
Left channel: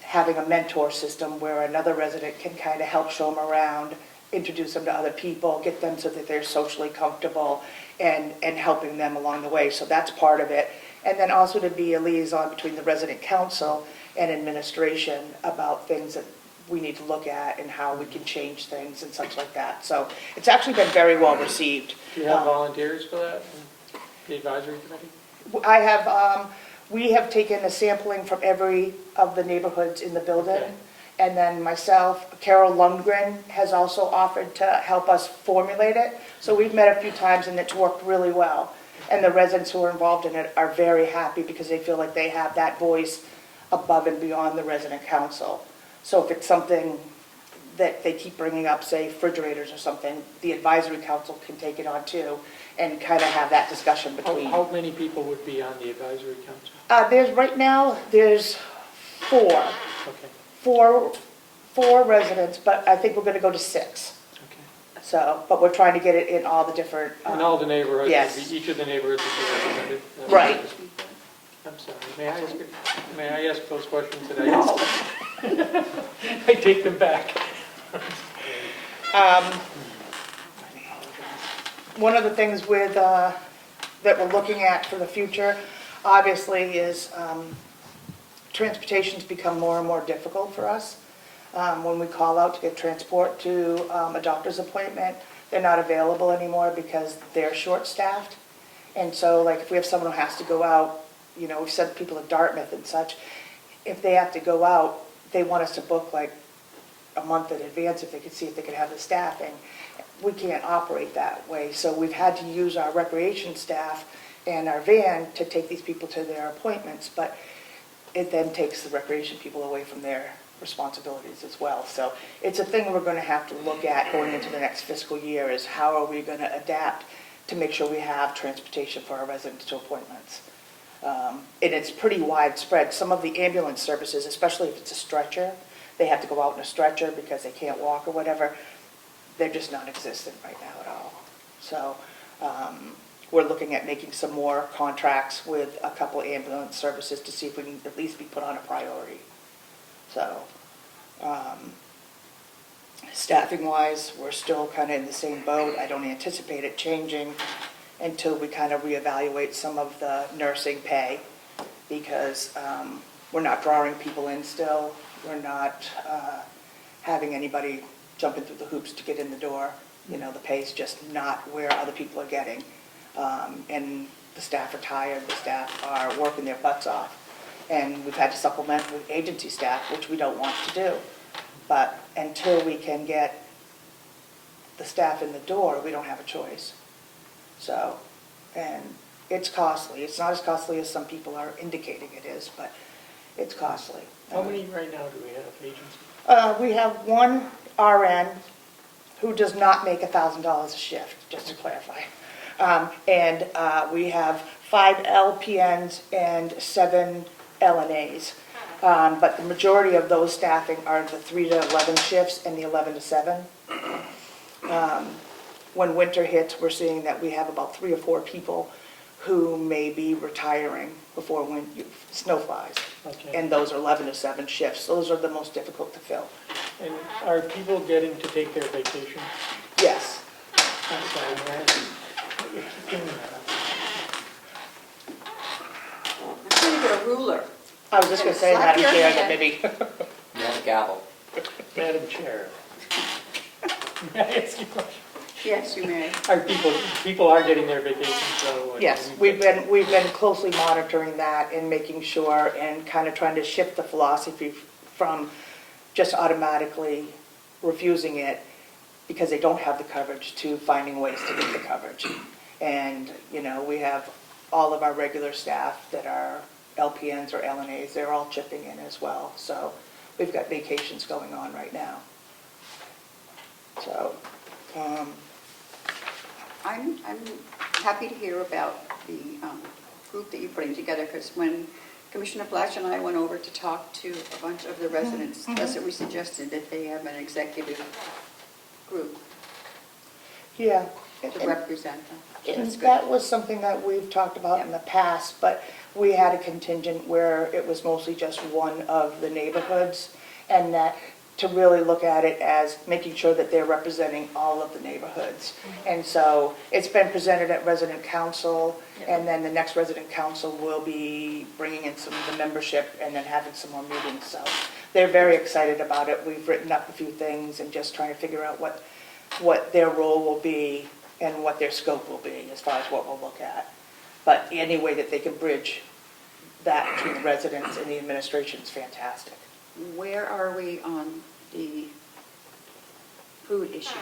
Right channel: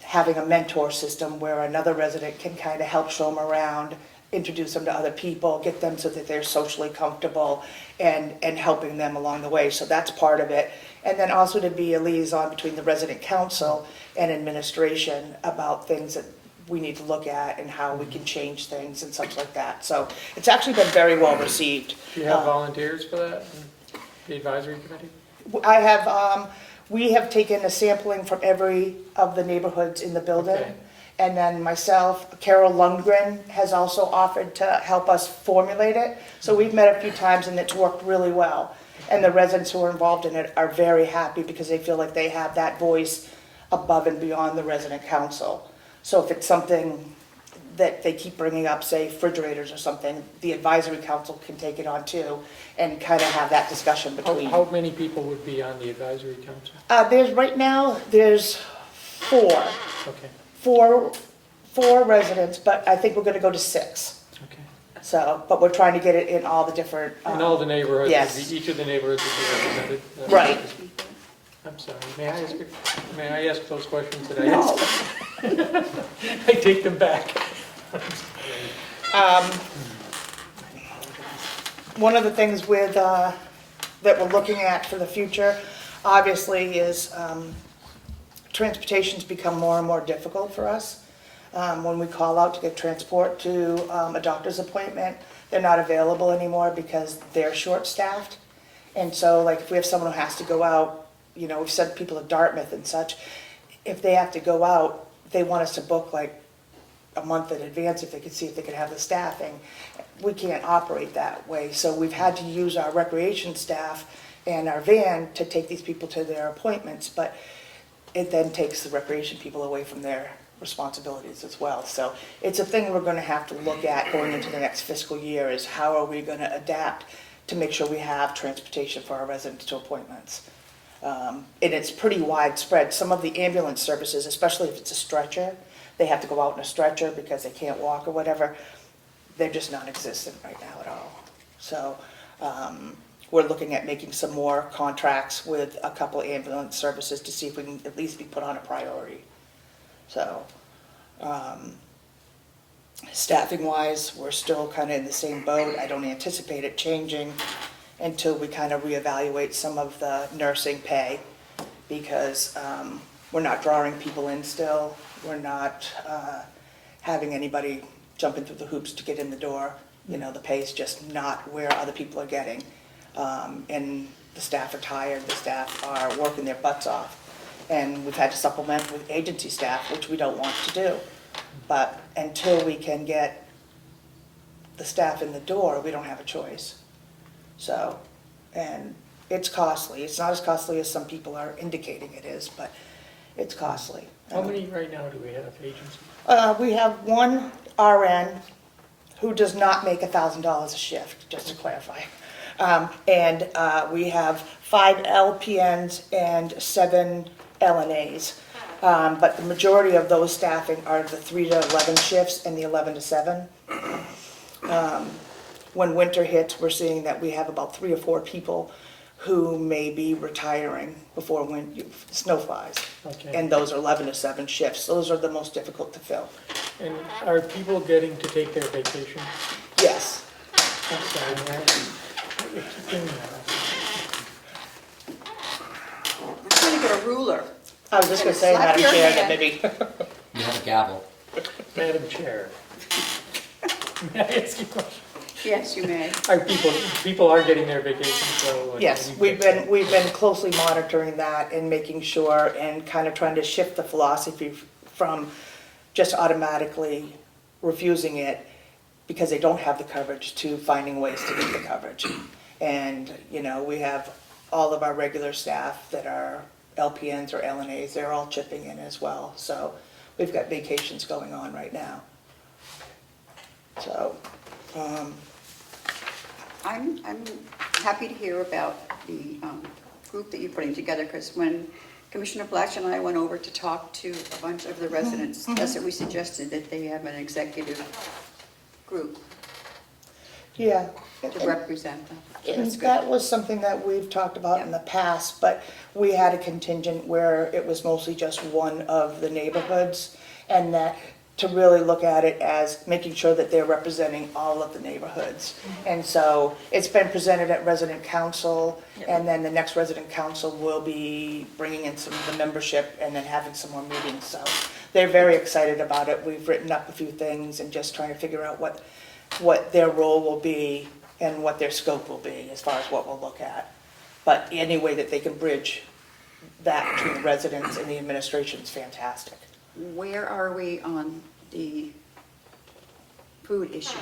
having a mentor system where another resident can kind of help show them around, introduce them to other people, get them so that they're socially comfortable, and helping them along the way. So that's part of it. And then also to be a liaison between the resident council and administration about things that we need to look at and how we can change things and such like that. So it's actually been very well received. Do you have volunteers for that, the advisory committee? I have, we have taken a sampling from every of the neighborhoods in the building. Okay. And then myself, Carroll Lundgren has also offered to help us formulate it. So we've met a few times and it's worked really well. And the residents who are involved in it are very happy because they feel like they have that voice above and beyond the resident council. So if it's something that they keep bringing up, say refrigerators or something, the advisory council can take it on too and kind of have that discussion between. How many people would be on the advisory council? Right now, there's 4. Okay, Four residents, but I think we're gonna go to 6. okay. So, but we're trying to get it in all the different. In all the neighborhoods, Yes. each of the neighborhoods will be represented. Right. I'm sorry, may I ask those questions that I No. asked? I take them back. One of the things with, that we're looking at for the future, obviously, is transportation's become more and more difficult for us. When we call out to get transport to a doctor's appointment, they're not available anymore because they're short-staffed. And so, like, if we have someone who has to go out, you know, we've sent people to Dartmouth and such, if they have to go out, they want us to book like a month in advance if they could see if they could have the staffing. We can't operate that way, so we've had to use our recreation staff and our van to take these people to their appointments, but it then takes the recreation people away from their responsibilities as well. So it's a thing we're gonna have to look at going into the next fiscal year, is how are we gonna adapt to make sure we have transportation for our residents to appointments. And it's pretty widespread. Some of the ambulance services, especially if it's a stretcher, they have to go out in a stretcher because they can't walk or whatever, they're just non-existent right now at all. So we're looking at making some more contracts with a couple ambulance services to see if we can at least be put on a priority. So staffing-wise, we're still kind of in the same boat. I don't anticipate it changing until we kind of reevaluate some of the nursing pay, because we're not drawing people in still. We're not having anybody jumping through the hoops to get in the door. You know, the pay's just not where other people are getting. And the staff are tired, the staff are working their butts off. And we've had to supplement with agency staff, which we don't want to do. But until we can get the staff in the door, we don't have a choice. So, and it's costly. It's not as costly as some people are indicating it is, but it's costly. How many right now do we have agents? We have one RN who does not make $1,000 a shift, just to clarify. And we have 5 LPNs and 7 LNAs. But the majority of those staffing are the 3 to 11 shifts and the 11 to 7. When winter hits, we're seeing that we have about 3 or 4 people who may be retiring before snow flies. Okay. And those are 11 to 7 shifts. Those are the most difficult to fill. And are people getting to take their vacation? Yes. I'm going to get a ruler. I was just going to say, Slap Madam your Chair, hand. that maybe. You have a gavel. Madam Chair. May I ask you a question? Yes, you may. Are people are getting their vacation, so. Yes, we've been closely monitoring that and making sure, and kind of trying to shift the philosophy from just automatically refusing it because they don't have the coverage, to finding ways to get the coverage. And, you know, we have all of our regular staff that are LPNs or LNAs, they're all chipping in as well. So we've got vacations going on right now. So, I'm happy to hear about the group that you're putting together, because when Commissioner Black and I went over to talk to a bunch of the residents, that's what we suggested, that they have an executive group yeah. to represent them. So And that's good. that was something that we've talked about in the past, but we had a contingent where it was mostly just one of the neighborhoods, and that to really look at it as making sure that they're representing all of the neighborhoods. And so it's been presented at resident council, and then the next resident council will be bringing in some of the membership and then having some more meetings. So they're very excited about it. We've written up a few things and just trying to figure out what their role will be and what their scope will be as far as what we'll look at. But any way that they can bridge that between the residents and the administration is fantastic. Where are we on the food issue?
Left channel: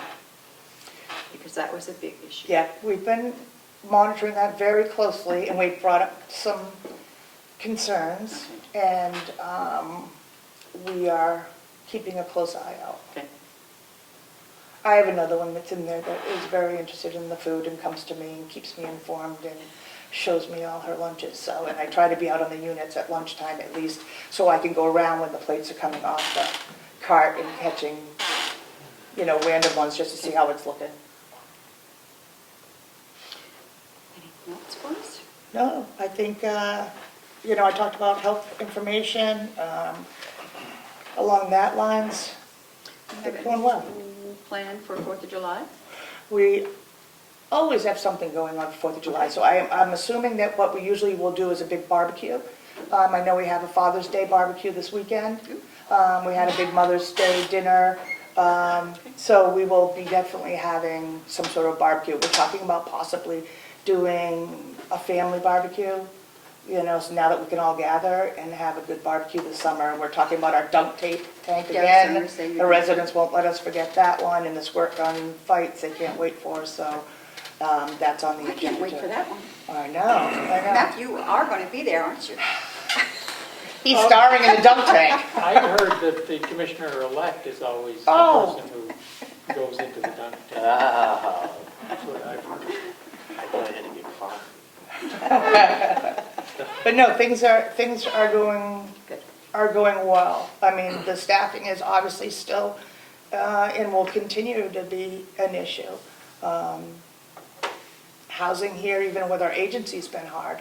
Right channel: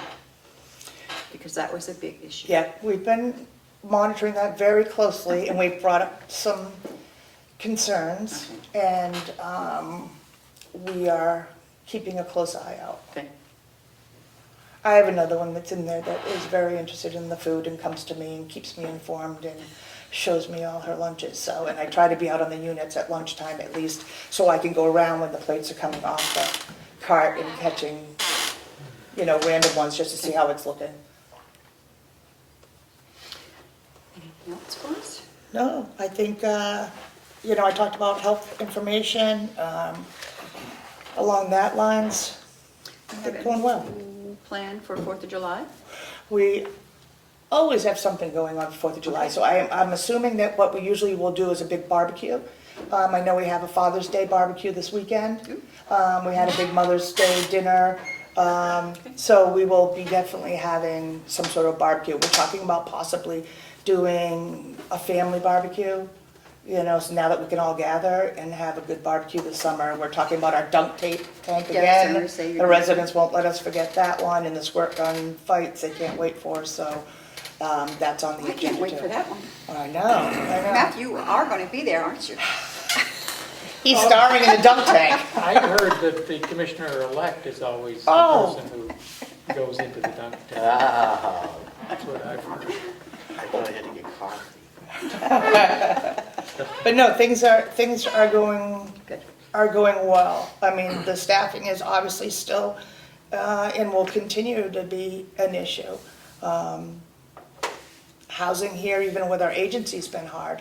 Because that was a big issue. Yeah, we've been monitoring that very closely, and we've brought up some concerns, and we are keeping a close eye out. Okay. I have another one that's in there that is very interested in the food and comes to me and keeps me informed, and shows me all her lunches, so, and I try to be out on the units at lunchtime at least, so I can go around when the plates are coming off the cart and catching, random ones just to see how it's looking. Anything else for us? No, I think, I talked about health information, along that lines. It's going well. Plan for 4th of July? We always have something going on for 4th of July, so I'm assuming that what we usually will do is a big barbecue. I know we have a Father's Day barbecue this weekend. We had a big Mother's Day dinner. So we will be definitely having some sort of barbecue. We're talking about possibly doing a family barbecue, so now that we can all gather and have a good barbecue this summer. We're talking about our dunk tank Yeah, I was again. gonna say The residents won't let us forget that one, and the squirt gun fights they can't wait for, so that's on the I agenda can't too. wait for that one. I know. Matthew, you are going to be there, aren't you? He's starring in the dunk tank. I heard that the commissioner-elect is always the Oh. person who goes into the dunk tank. Ah, That's what I've heard. I thought I had to get coffee. But no, things are going well. I mean, the staffing is obviously still and will continue to be an issue. Housing here, even with our agency's been hard.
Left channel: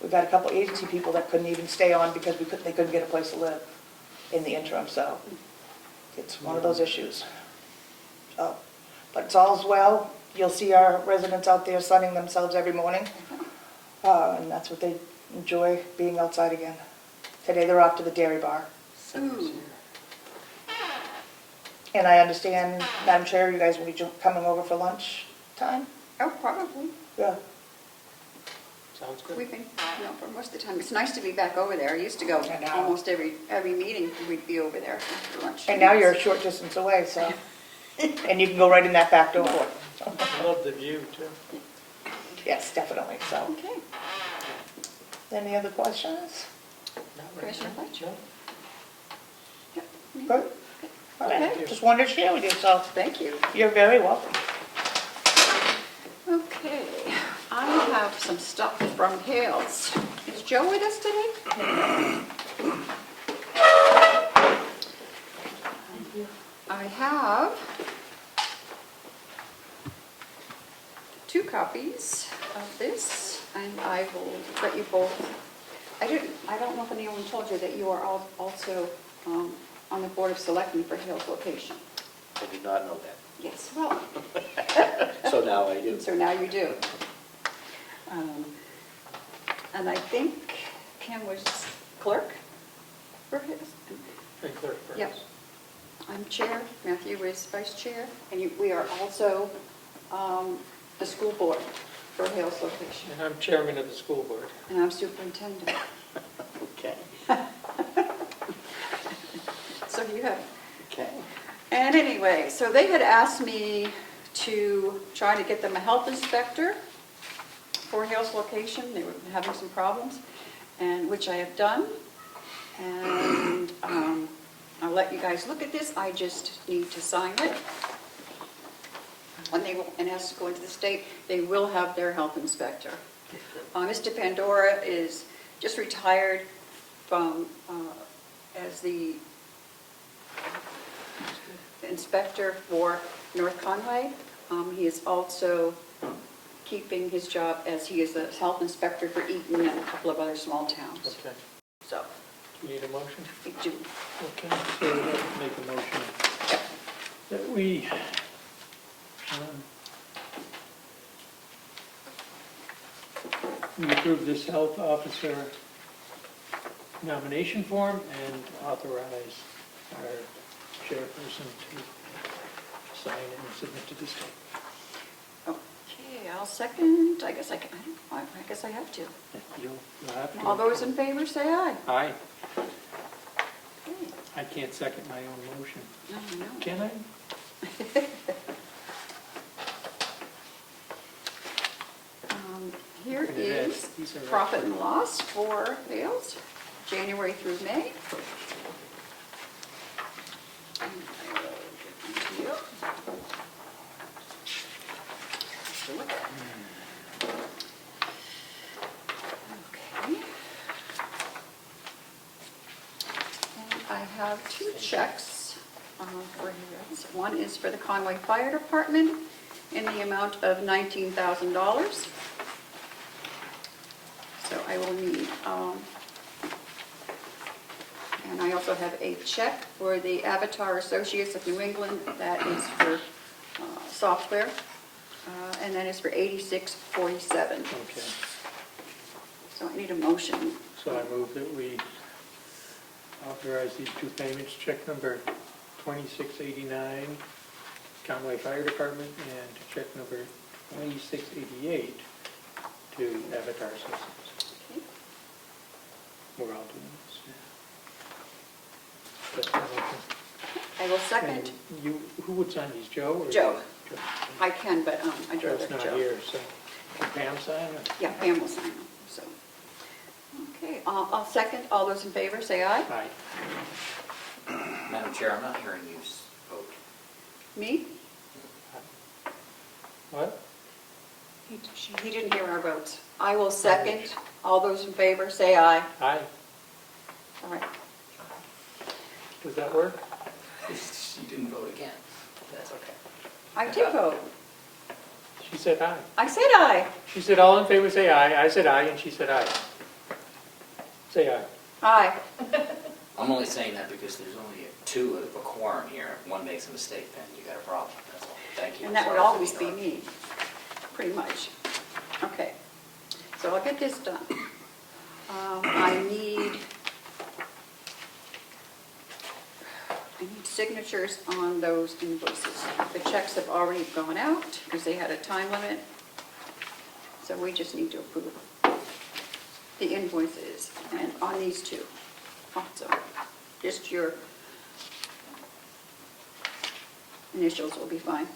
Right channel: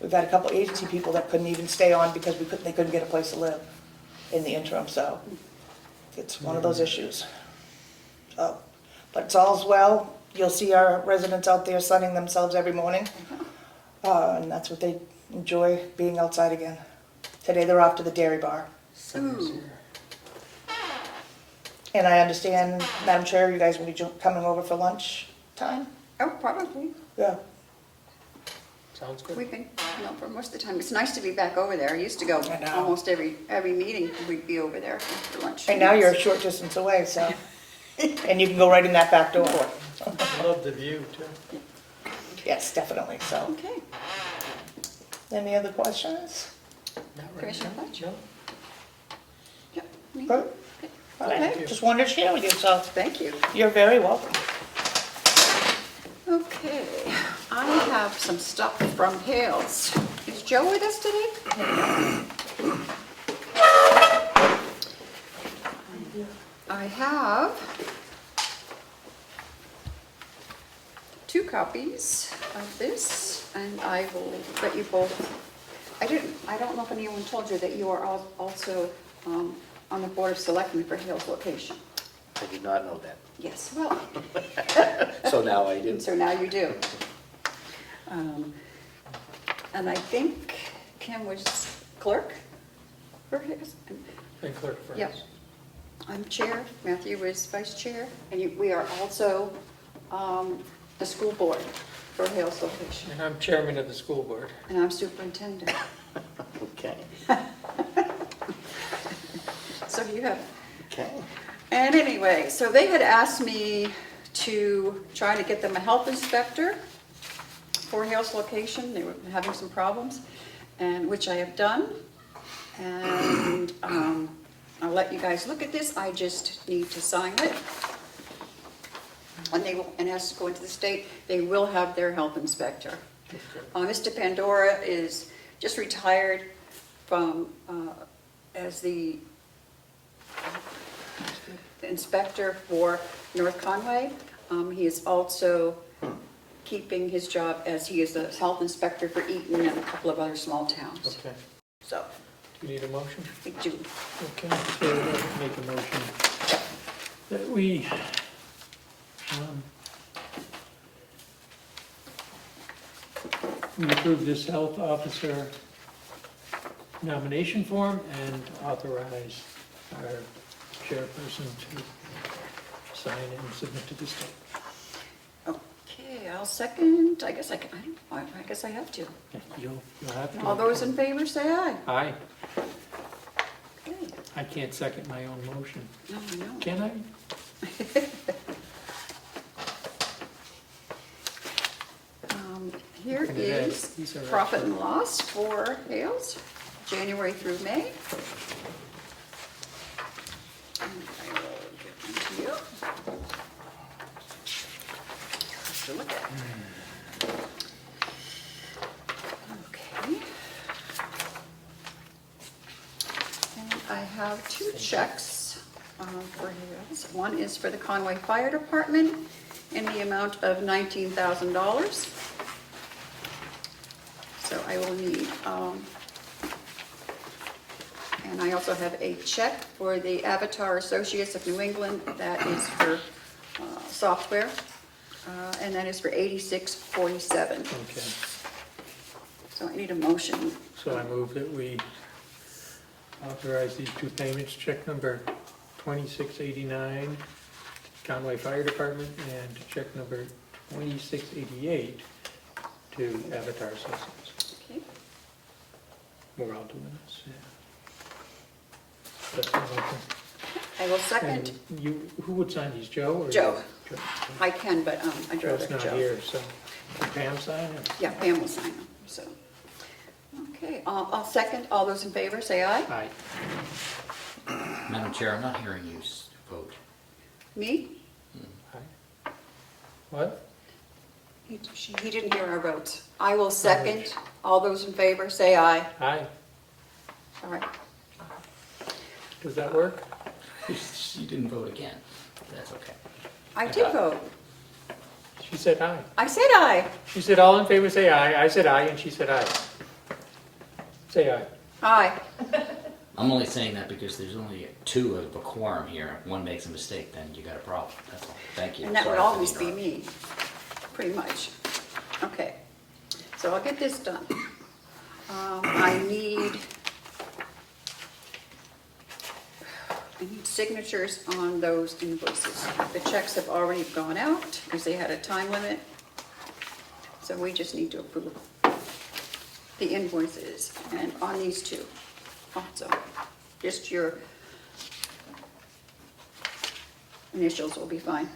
We've had a couple agency people that couldn't even stay on because they couldn't get a place to live in the interim, so it's one of those issues. So, but it's all's well. You'll see our residents out there sunning themselves every morning, and that's what they enjoy, being outside again. Today they're off to the dairy bar. Ooh. And I understand, Madam Chair, you guys will be coming over for lunch time? Oh, probably. Yeah. Sounds good. We can, for most of the time. It's nice to be back over there. I used to go I know. almost every meeting, we'd be over there after lunch. And now you're a short distance away, so, and you can go right in that back door. I love the view, too. Yes, definitely, so. Okay. Any other questions? Commissioner Fletch? No? Yep. Good. All right, Okay. just wanted to share with you, so Thank you. you're very welcome. Okay, I have some stuff from Hales. Is Joe with us today? I have 2 copies of this, and I will let you both, I don't know if anyone told you that you are also on the Board of Selectmen for Hales location. I did not know that. Yes, well, So now I do. so now you do. And I think Kim was clerk for his. And clerk first. Yep. I'm chair, Matthew is vice chair, and we are also the school board for Hales location. And I'm chairman of the school board. And I'm superintendent. Okay. So you have. Okay. And anyway, so they had asked me to try to get them a health inspector for Hales location. They were having some problems, and which I have done. And I'll let you guys look at this. I just need to sign it. And they will, and has to go into the state. They will have their health inspector. Mr. Pandora is just retired from as the inspector for North Conway. He is also keeping his job as he is a health inspector for Eaton and a couple of other small towns. Okay. So, You need a motion? I do. Okay, so we'd like to make a motion that we approve this health officer nomination form and authorize our chairperson to sign it and submit to the state. Okay, I'll second. I guess I can. I guess I have to. You'll have to. All those in favor say aye. Aye. Okay. I can't second my own motion. Oh, no. Can I? Here And it is has- these are profit actually- and loss for Hales, January through May. And I will give them to you. To look at. two checks for you. One is for the Conway Fire Department in the amount of $19,000. So I will need, and I also have a check for the Avatar Associates of New England. That is for software, and that is for $86.47. Okay. So I need a motion. So I move that we authorize these two payments, check number 2689, Conway Fire Department, and check number 2688 to Avatar Associates. Okay. We're all doing this, yeah. That's the motion. I will second. And you, who would sign these, Joe? Or Joe. Joe. I can, but I'd rather Joe's not Joe. here, so can Pam sign it? Yeah, Pam will sign them, so. Okay, I'll second. All those in favor, say aye. Aye. Madam Chair, I'm not hearing you vote. Me? What? He didn't hear our votes. I will second. All those in favor, say aye. Aye. All right. Does that work? You didn't vote again. That's okay. I did vote. She said aye. I said aye. She said all in favor say aye. I said aye, and she said aye. Say aye. Aye. I'm only saying that because there's only two of a quorum here. If one makes a mistake, then you got a problem. That's all. Thank you. And that would Sorry for the always be interruption. me, pretty much. Okay, so I'll get this done. I need signatures on those invoices. The checks have already gone out because they had a time limit. So we just need to approve the invoices and on these two. Also, just your initials will be fine.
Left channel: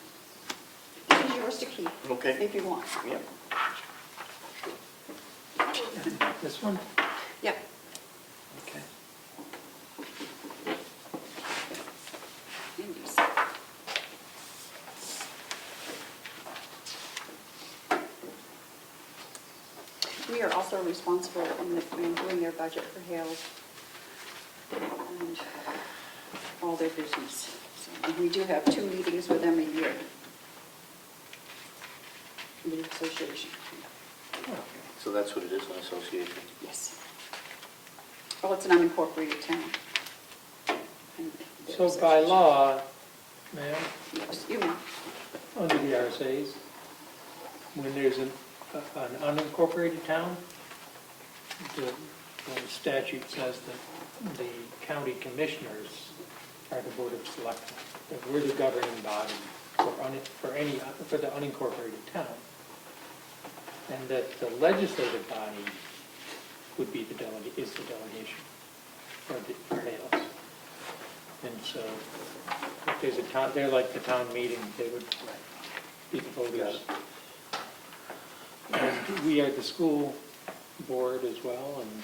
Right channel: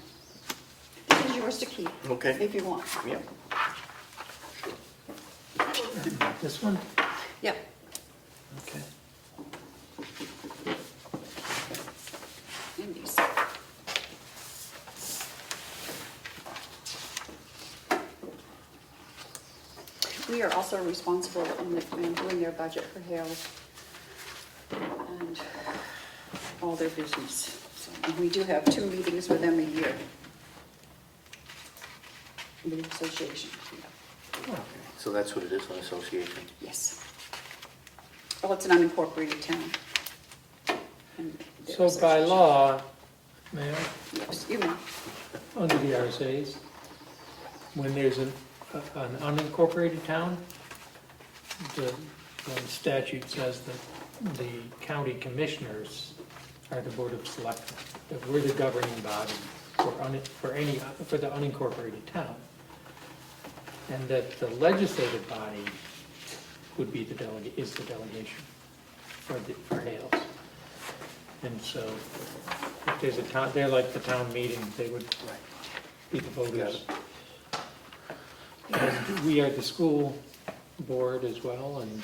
This is yours to keep. Okay. If you want. Yep. This one? Yep. Okay. And these. We are also responsible in doing their budget for Hales and all their business. So, and we do have 2 meetings with them a year. The association. Okay. So that's what it is, an association? Yes. Well, it's an unincorporated town. And their So by association. law, ma'am, Yes, you may. under the RSA's, when there's an unincorporated town, the statute says that the county commissioners are the board of selectmen, that we're the governing body for the unincorporated town. And that the legislative body would be the delegation for Hales. And so if there's a town, they're like the town meeting, they would be the voters. And we are the school board as well, and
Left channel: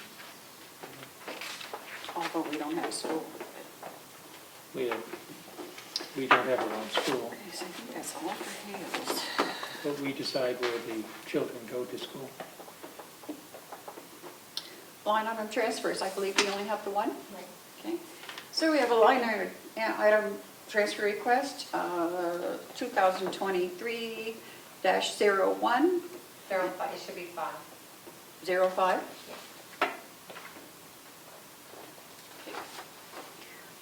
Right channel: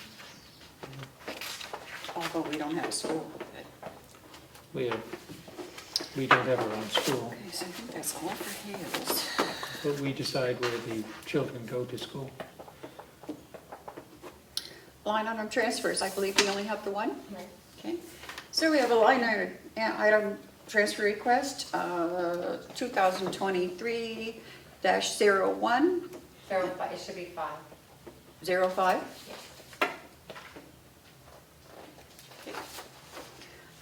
Although we don't have a school. we don't have our own school, Okay, so I think that's all for Hales. but we decide where the children go to school. Line item transfers, I believe we only have the one? Right. Okay. So we have a line item transfer request, 2023-01. 05, it should be 5. 05?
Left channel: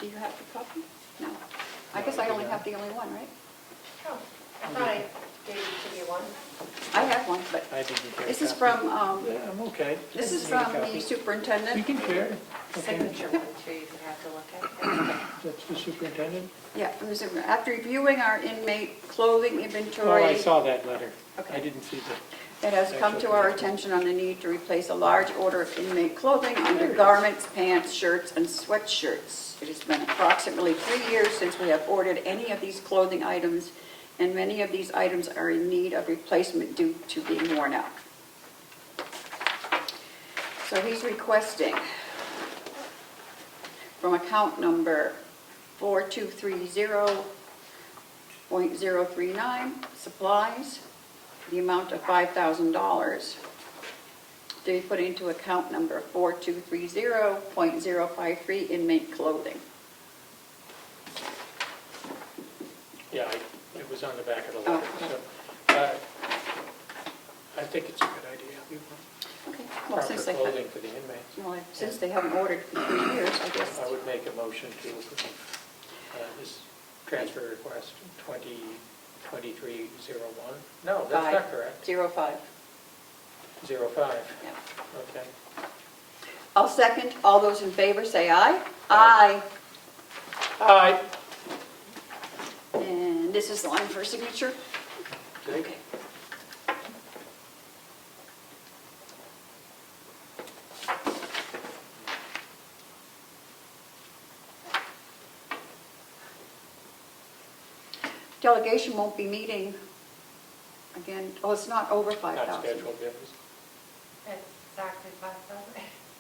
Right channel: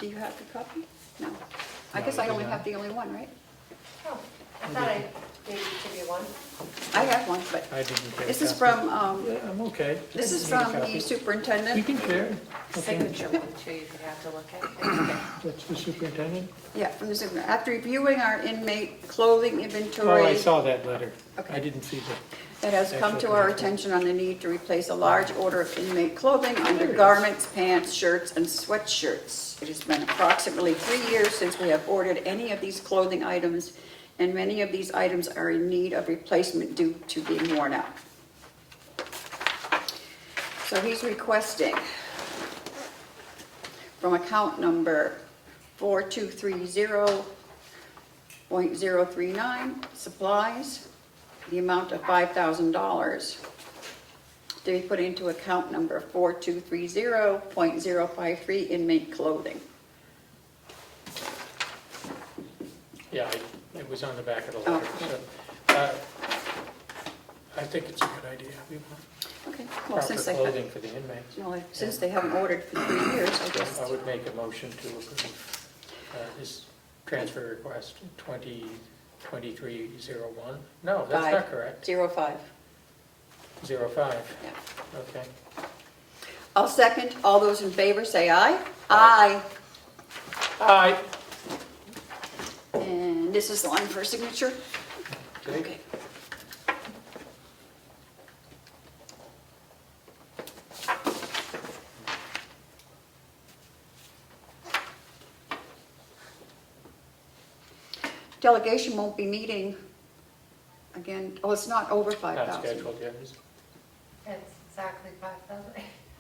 Do you have the copy? No. I No, guess I I do only not. have the only one, right? Oh, I thought I did give you one. I have one, but I didn't get a this is copy. from, Yeah, I'm okay. this is I can get a from the copy. superintendent. You can share it. Okay. Signature one too, you have to look at. That's the superintendent? Yeah, from the super- after reviewing our inmate clothing Oh, inventory. I saw that letter. Okay. I didn't see that. It has come to our attention on the need to replace a large order of inmate clothing under garments, pants, shirts, and sweatshirts. It has been approximately 3 years since we have ordered any of these clothing items, and many of these items are in need of replacement due to being worn out. So he's requesting from account number 4230.039, supplies, the amount of $5,000 to be put into account number 4230.053, inmate clothing. was on the back of the Oh, letter. okay. So, I think it's a good idea. Okay, well, Proper since they clothing for the inmates. since they haven't ordered for 3 years, I guess. I would make a motion to approve this transfer request 2023-01. No, that's Five. not correct. 05. 05. Yeah. Okay. I'll second. All those in favor say aye. Aye. Aye. And this is the line for signature? Okay. Delegation won't be meeting again, oh, it's not over Not 5,000. scheduled yet, is it? It's exactly 5,000.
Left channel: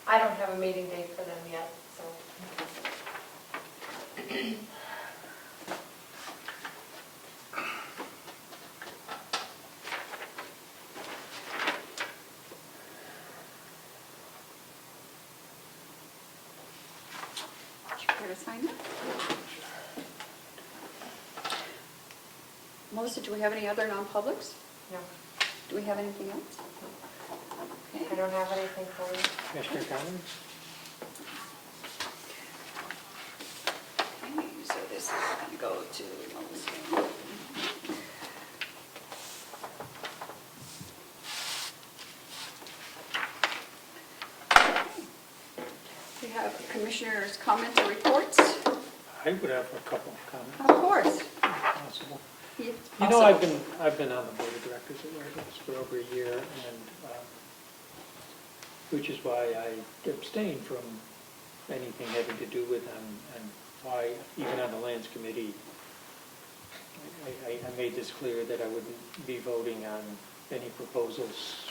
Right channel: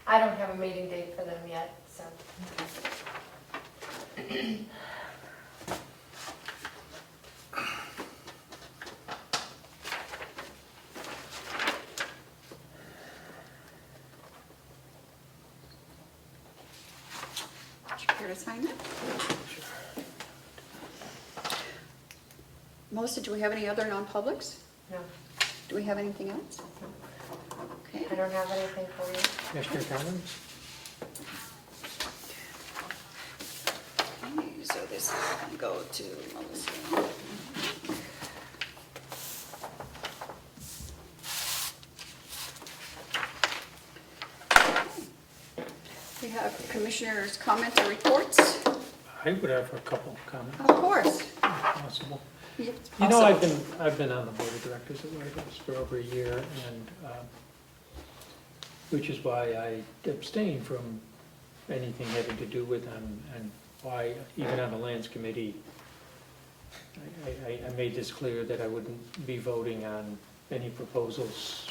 I don't have a meeting date for them yet, so. Did you care to sign that? Melissa, do we have any other non-publics? No, Do we have anything else? I Okay. don't have anything for you. Commissioner Conlon? Okay, so this is going to go to Melissa. We have commissioners' comments or reports? I would have a couple of comments, Of course. if possible. You You know, also- I've been on the board of directors at Largos for over a year, and which is why I abstain from anything having to do with them, and why, even on the lands committee, I made this clear that I wouldn't be voting on any proposals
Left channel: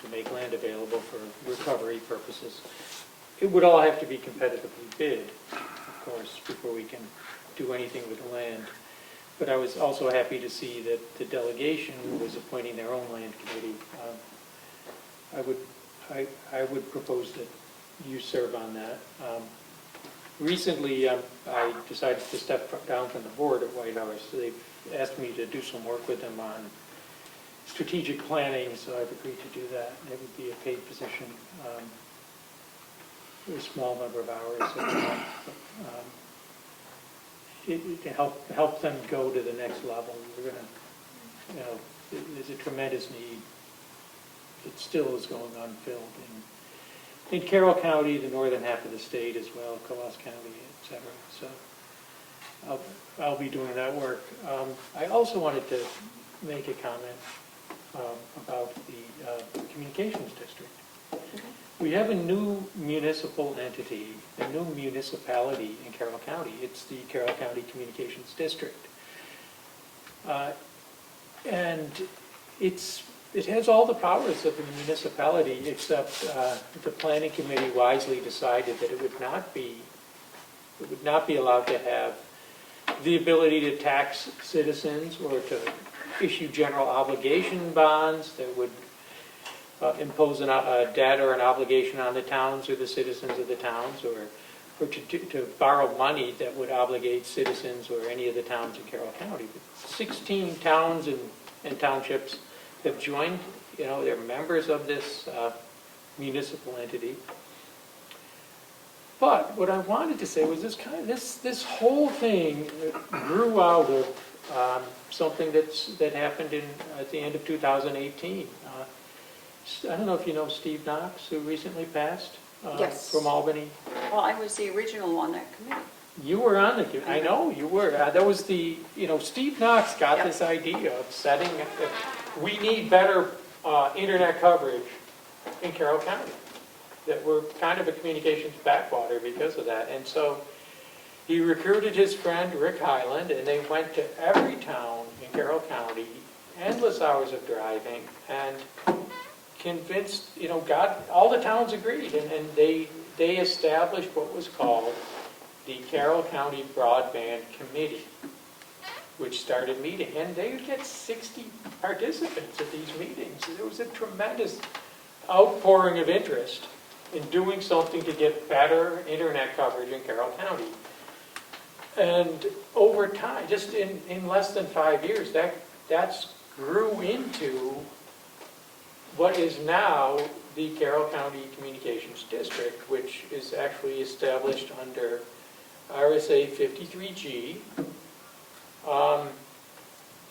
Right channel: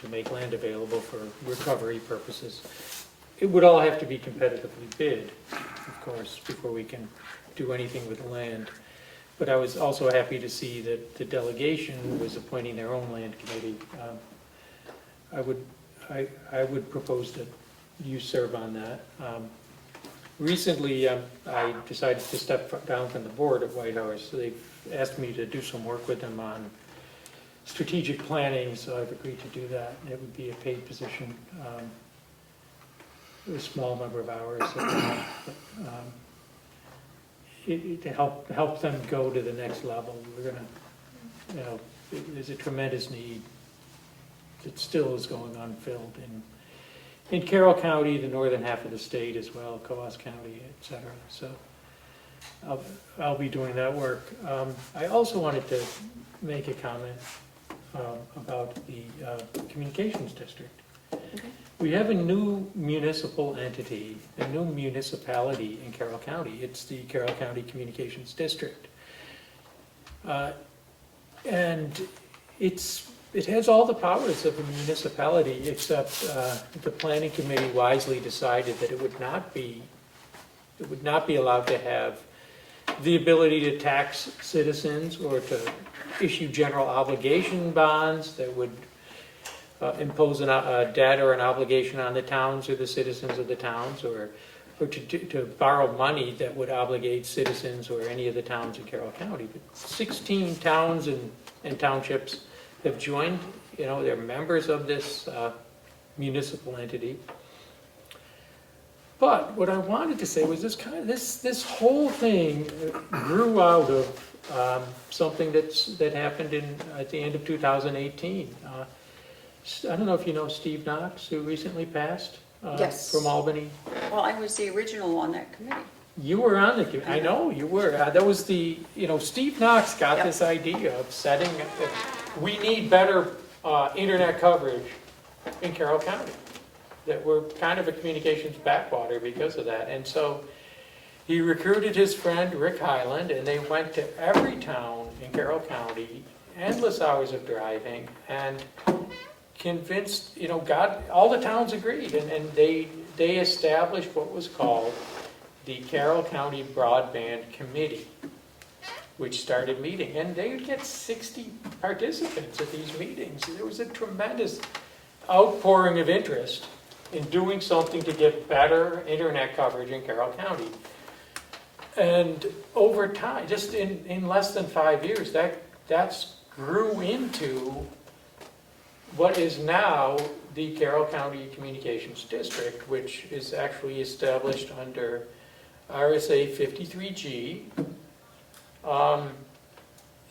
to make land available for recovery purposes. It would all have to be competitively bid, of course, before we can do anything with the land. But I was also happy to see that the delegation was appointing their own land committee. I would propose that you serve on that. Recently, I decided to step down from the board at White House. So they've asked me to do some work with them on strategic planning, so I've agreed to do that. It would be a paid position, a small number of hours at the month, but, to help them go to the next level. We're gonna, there's a tremendous need that still is going unfilled in Carroll County, the northern half of the state as well, Coas County, et cetera. So I'll be doing that work. I also wanted to make a comment about the communications district. We have a new municipal entity, a new municipality in Carroll County. It's the Carroll County Communications District. And it has all the powers of a municipality, except the planning committee wisely decided that it would not be allowed to have the ability to tax citizens or to issue general obligation bonds that would impose a debt or an obligation on the towns or the citizens of the towns, or to borrow money that would obligate citizens or any of the towns in Carroll County. But 16 towns and townships have joined, they're members of this municipal entity. But what I wanted to say was this whole thing grew out of something that happened at the end of 2018. I don't know if you know Steve Knox, who recently passed Yes. from Albany. Well, I was the original on that committee. You were on the committee. I know you were. That was Steve Knox got Yep. this idea of setting. We need better internet coverage in Carroll County. That we're kind of a communications backwater because of that. And so he recruited his friend Rick Highland, and they went to every town in Carroll County, endless hours of driving, and convinced, all the towns agreed, and they established what was called the Carroll County Broadband Committee, which started meeting, and they would get 60 participants at these meetings. There was a tremendous outpouring of interest in doing something to get better internet coverage in Carroll County. And over time, just in less than 5 years, that's grew into what is now the Carroll County Communications District, which is actually established under RSA 53G.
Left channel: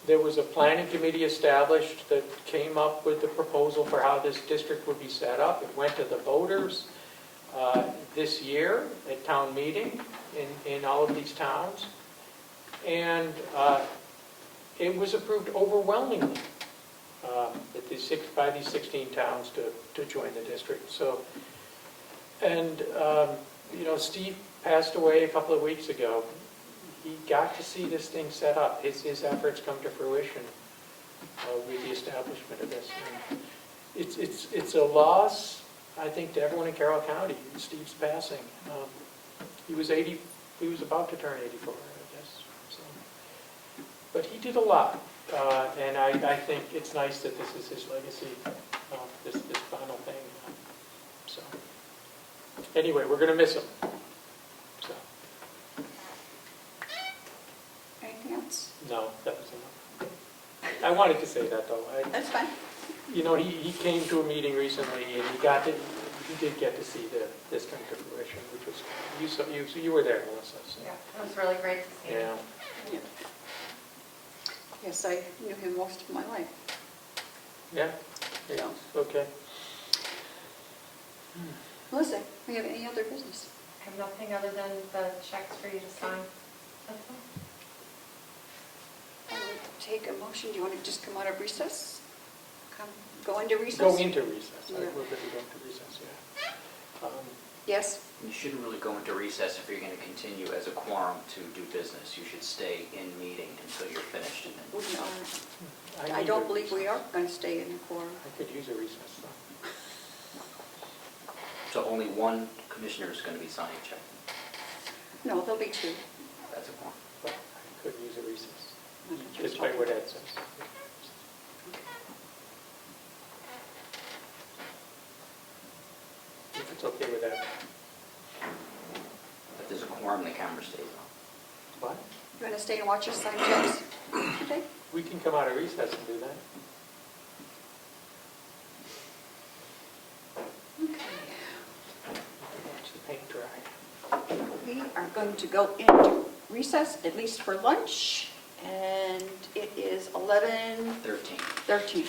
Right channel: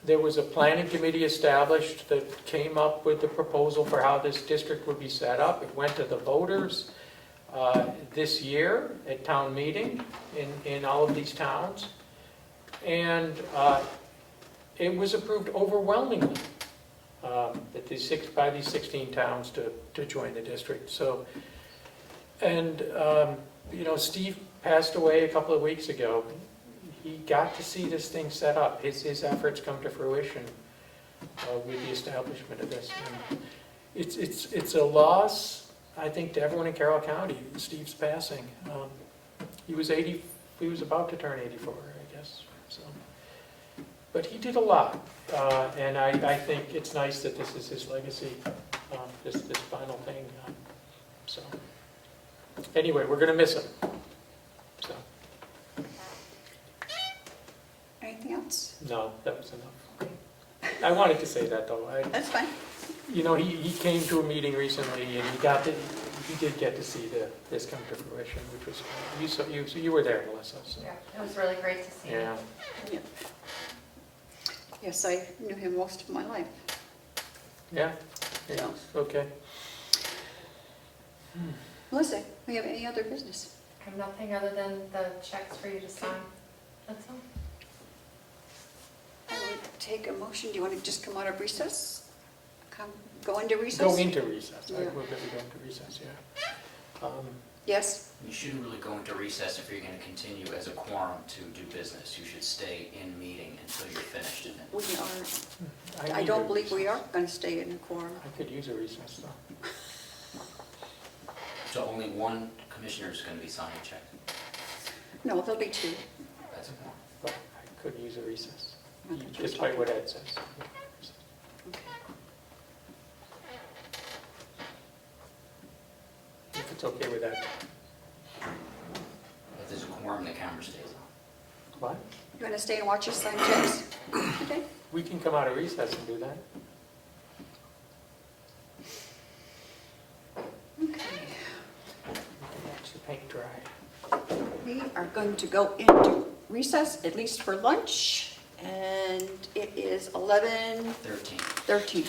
There was a planning committee established that came up with the proposal for how this district would be set up. It went to the voters this year at town meeting in all of these towns. And it was approved overwhelmingly by these 16 towns to join the district. So, and Steve passed away a couple of weeks ago. He got to see this thing set up. His efforts come to fruition with the establishment of this. And it's a loss, I think, to everyone in Carroll County. Steve's passing. He was about to turn 84, I guess. So, but he did a lot, and I think it's nice that this is his legacy. This final thing. So anyway, we're going to miss him. So. Anything else? No, that was enough. I wanted to say that, though. That's fine. He came to a meeting recently, and he did get to see this come to fruition, which was, you were there, Melissa. So. Yeah, it was really great to see. Yeah. Yeah. Yes, I knew him most of my life. Yeah? Yeah. Okay. Melissa, we have any other business? I have nothing other than the checks for you to sign. That's all. I would take a motion. Do you want to just come out of recess? Go into recess? Go into recess. Yeah. We're going to go into recess, yeah. Yes? You shouldn't really go into recess if you're going to continue as a quorum to do business. You should stay in meeting until you're finished. And then We are. I don't believe we are going to stay in the quorum. I could use a recess, though. So only one commissioner is going to be signing a check. No, there'll be two. That's a quorum. But I could use a recess, Okay, just despite what Ed says. If it's okay with that. If there's a quorum, the camera stays on. What? You want to stay and watch us sign checks? Okay. We can come out of recess and do that. Okay. Watch the paint dry. We are going to go into recess, at least for lunch, and it is 11:13. 13.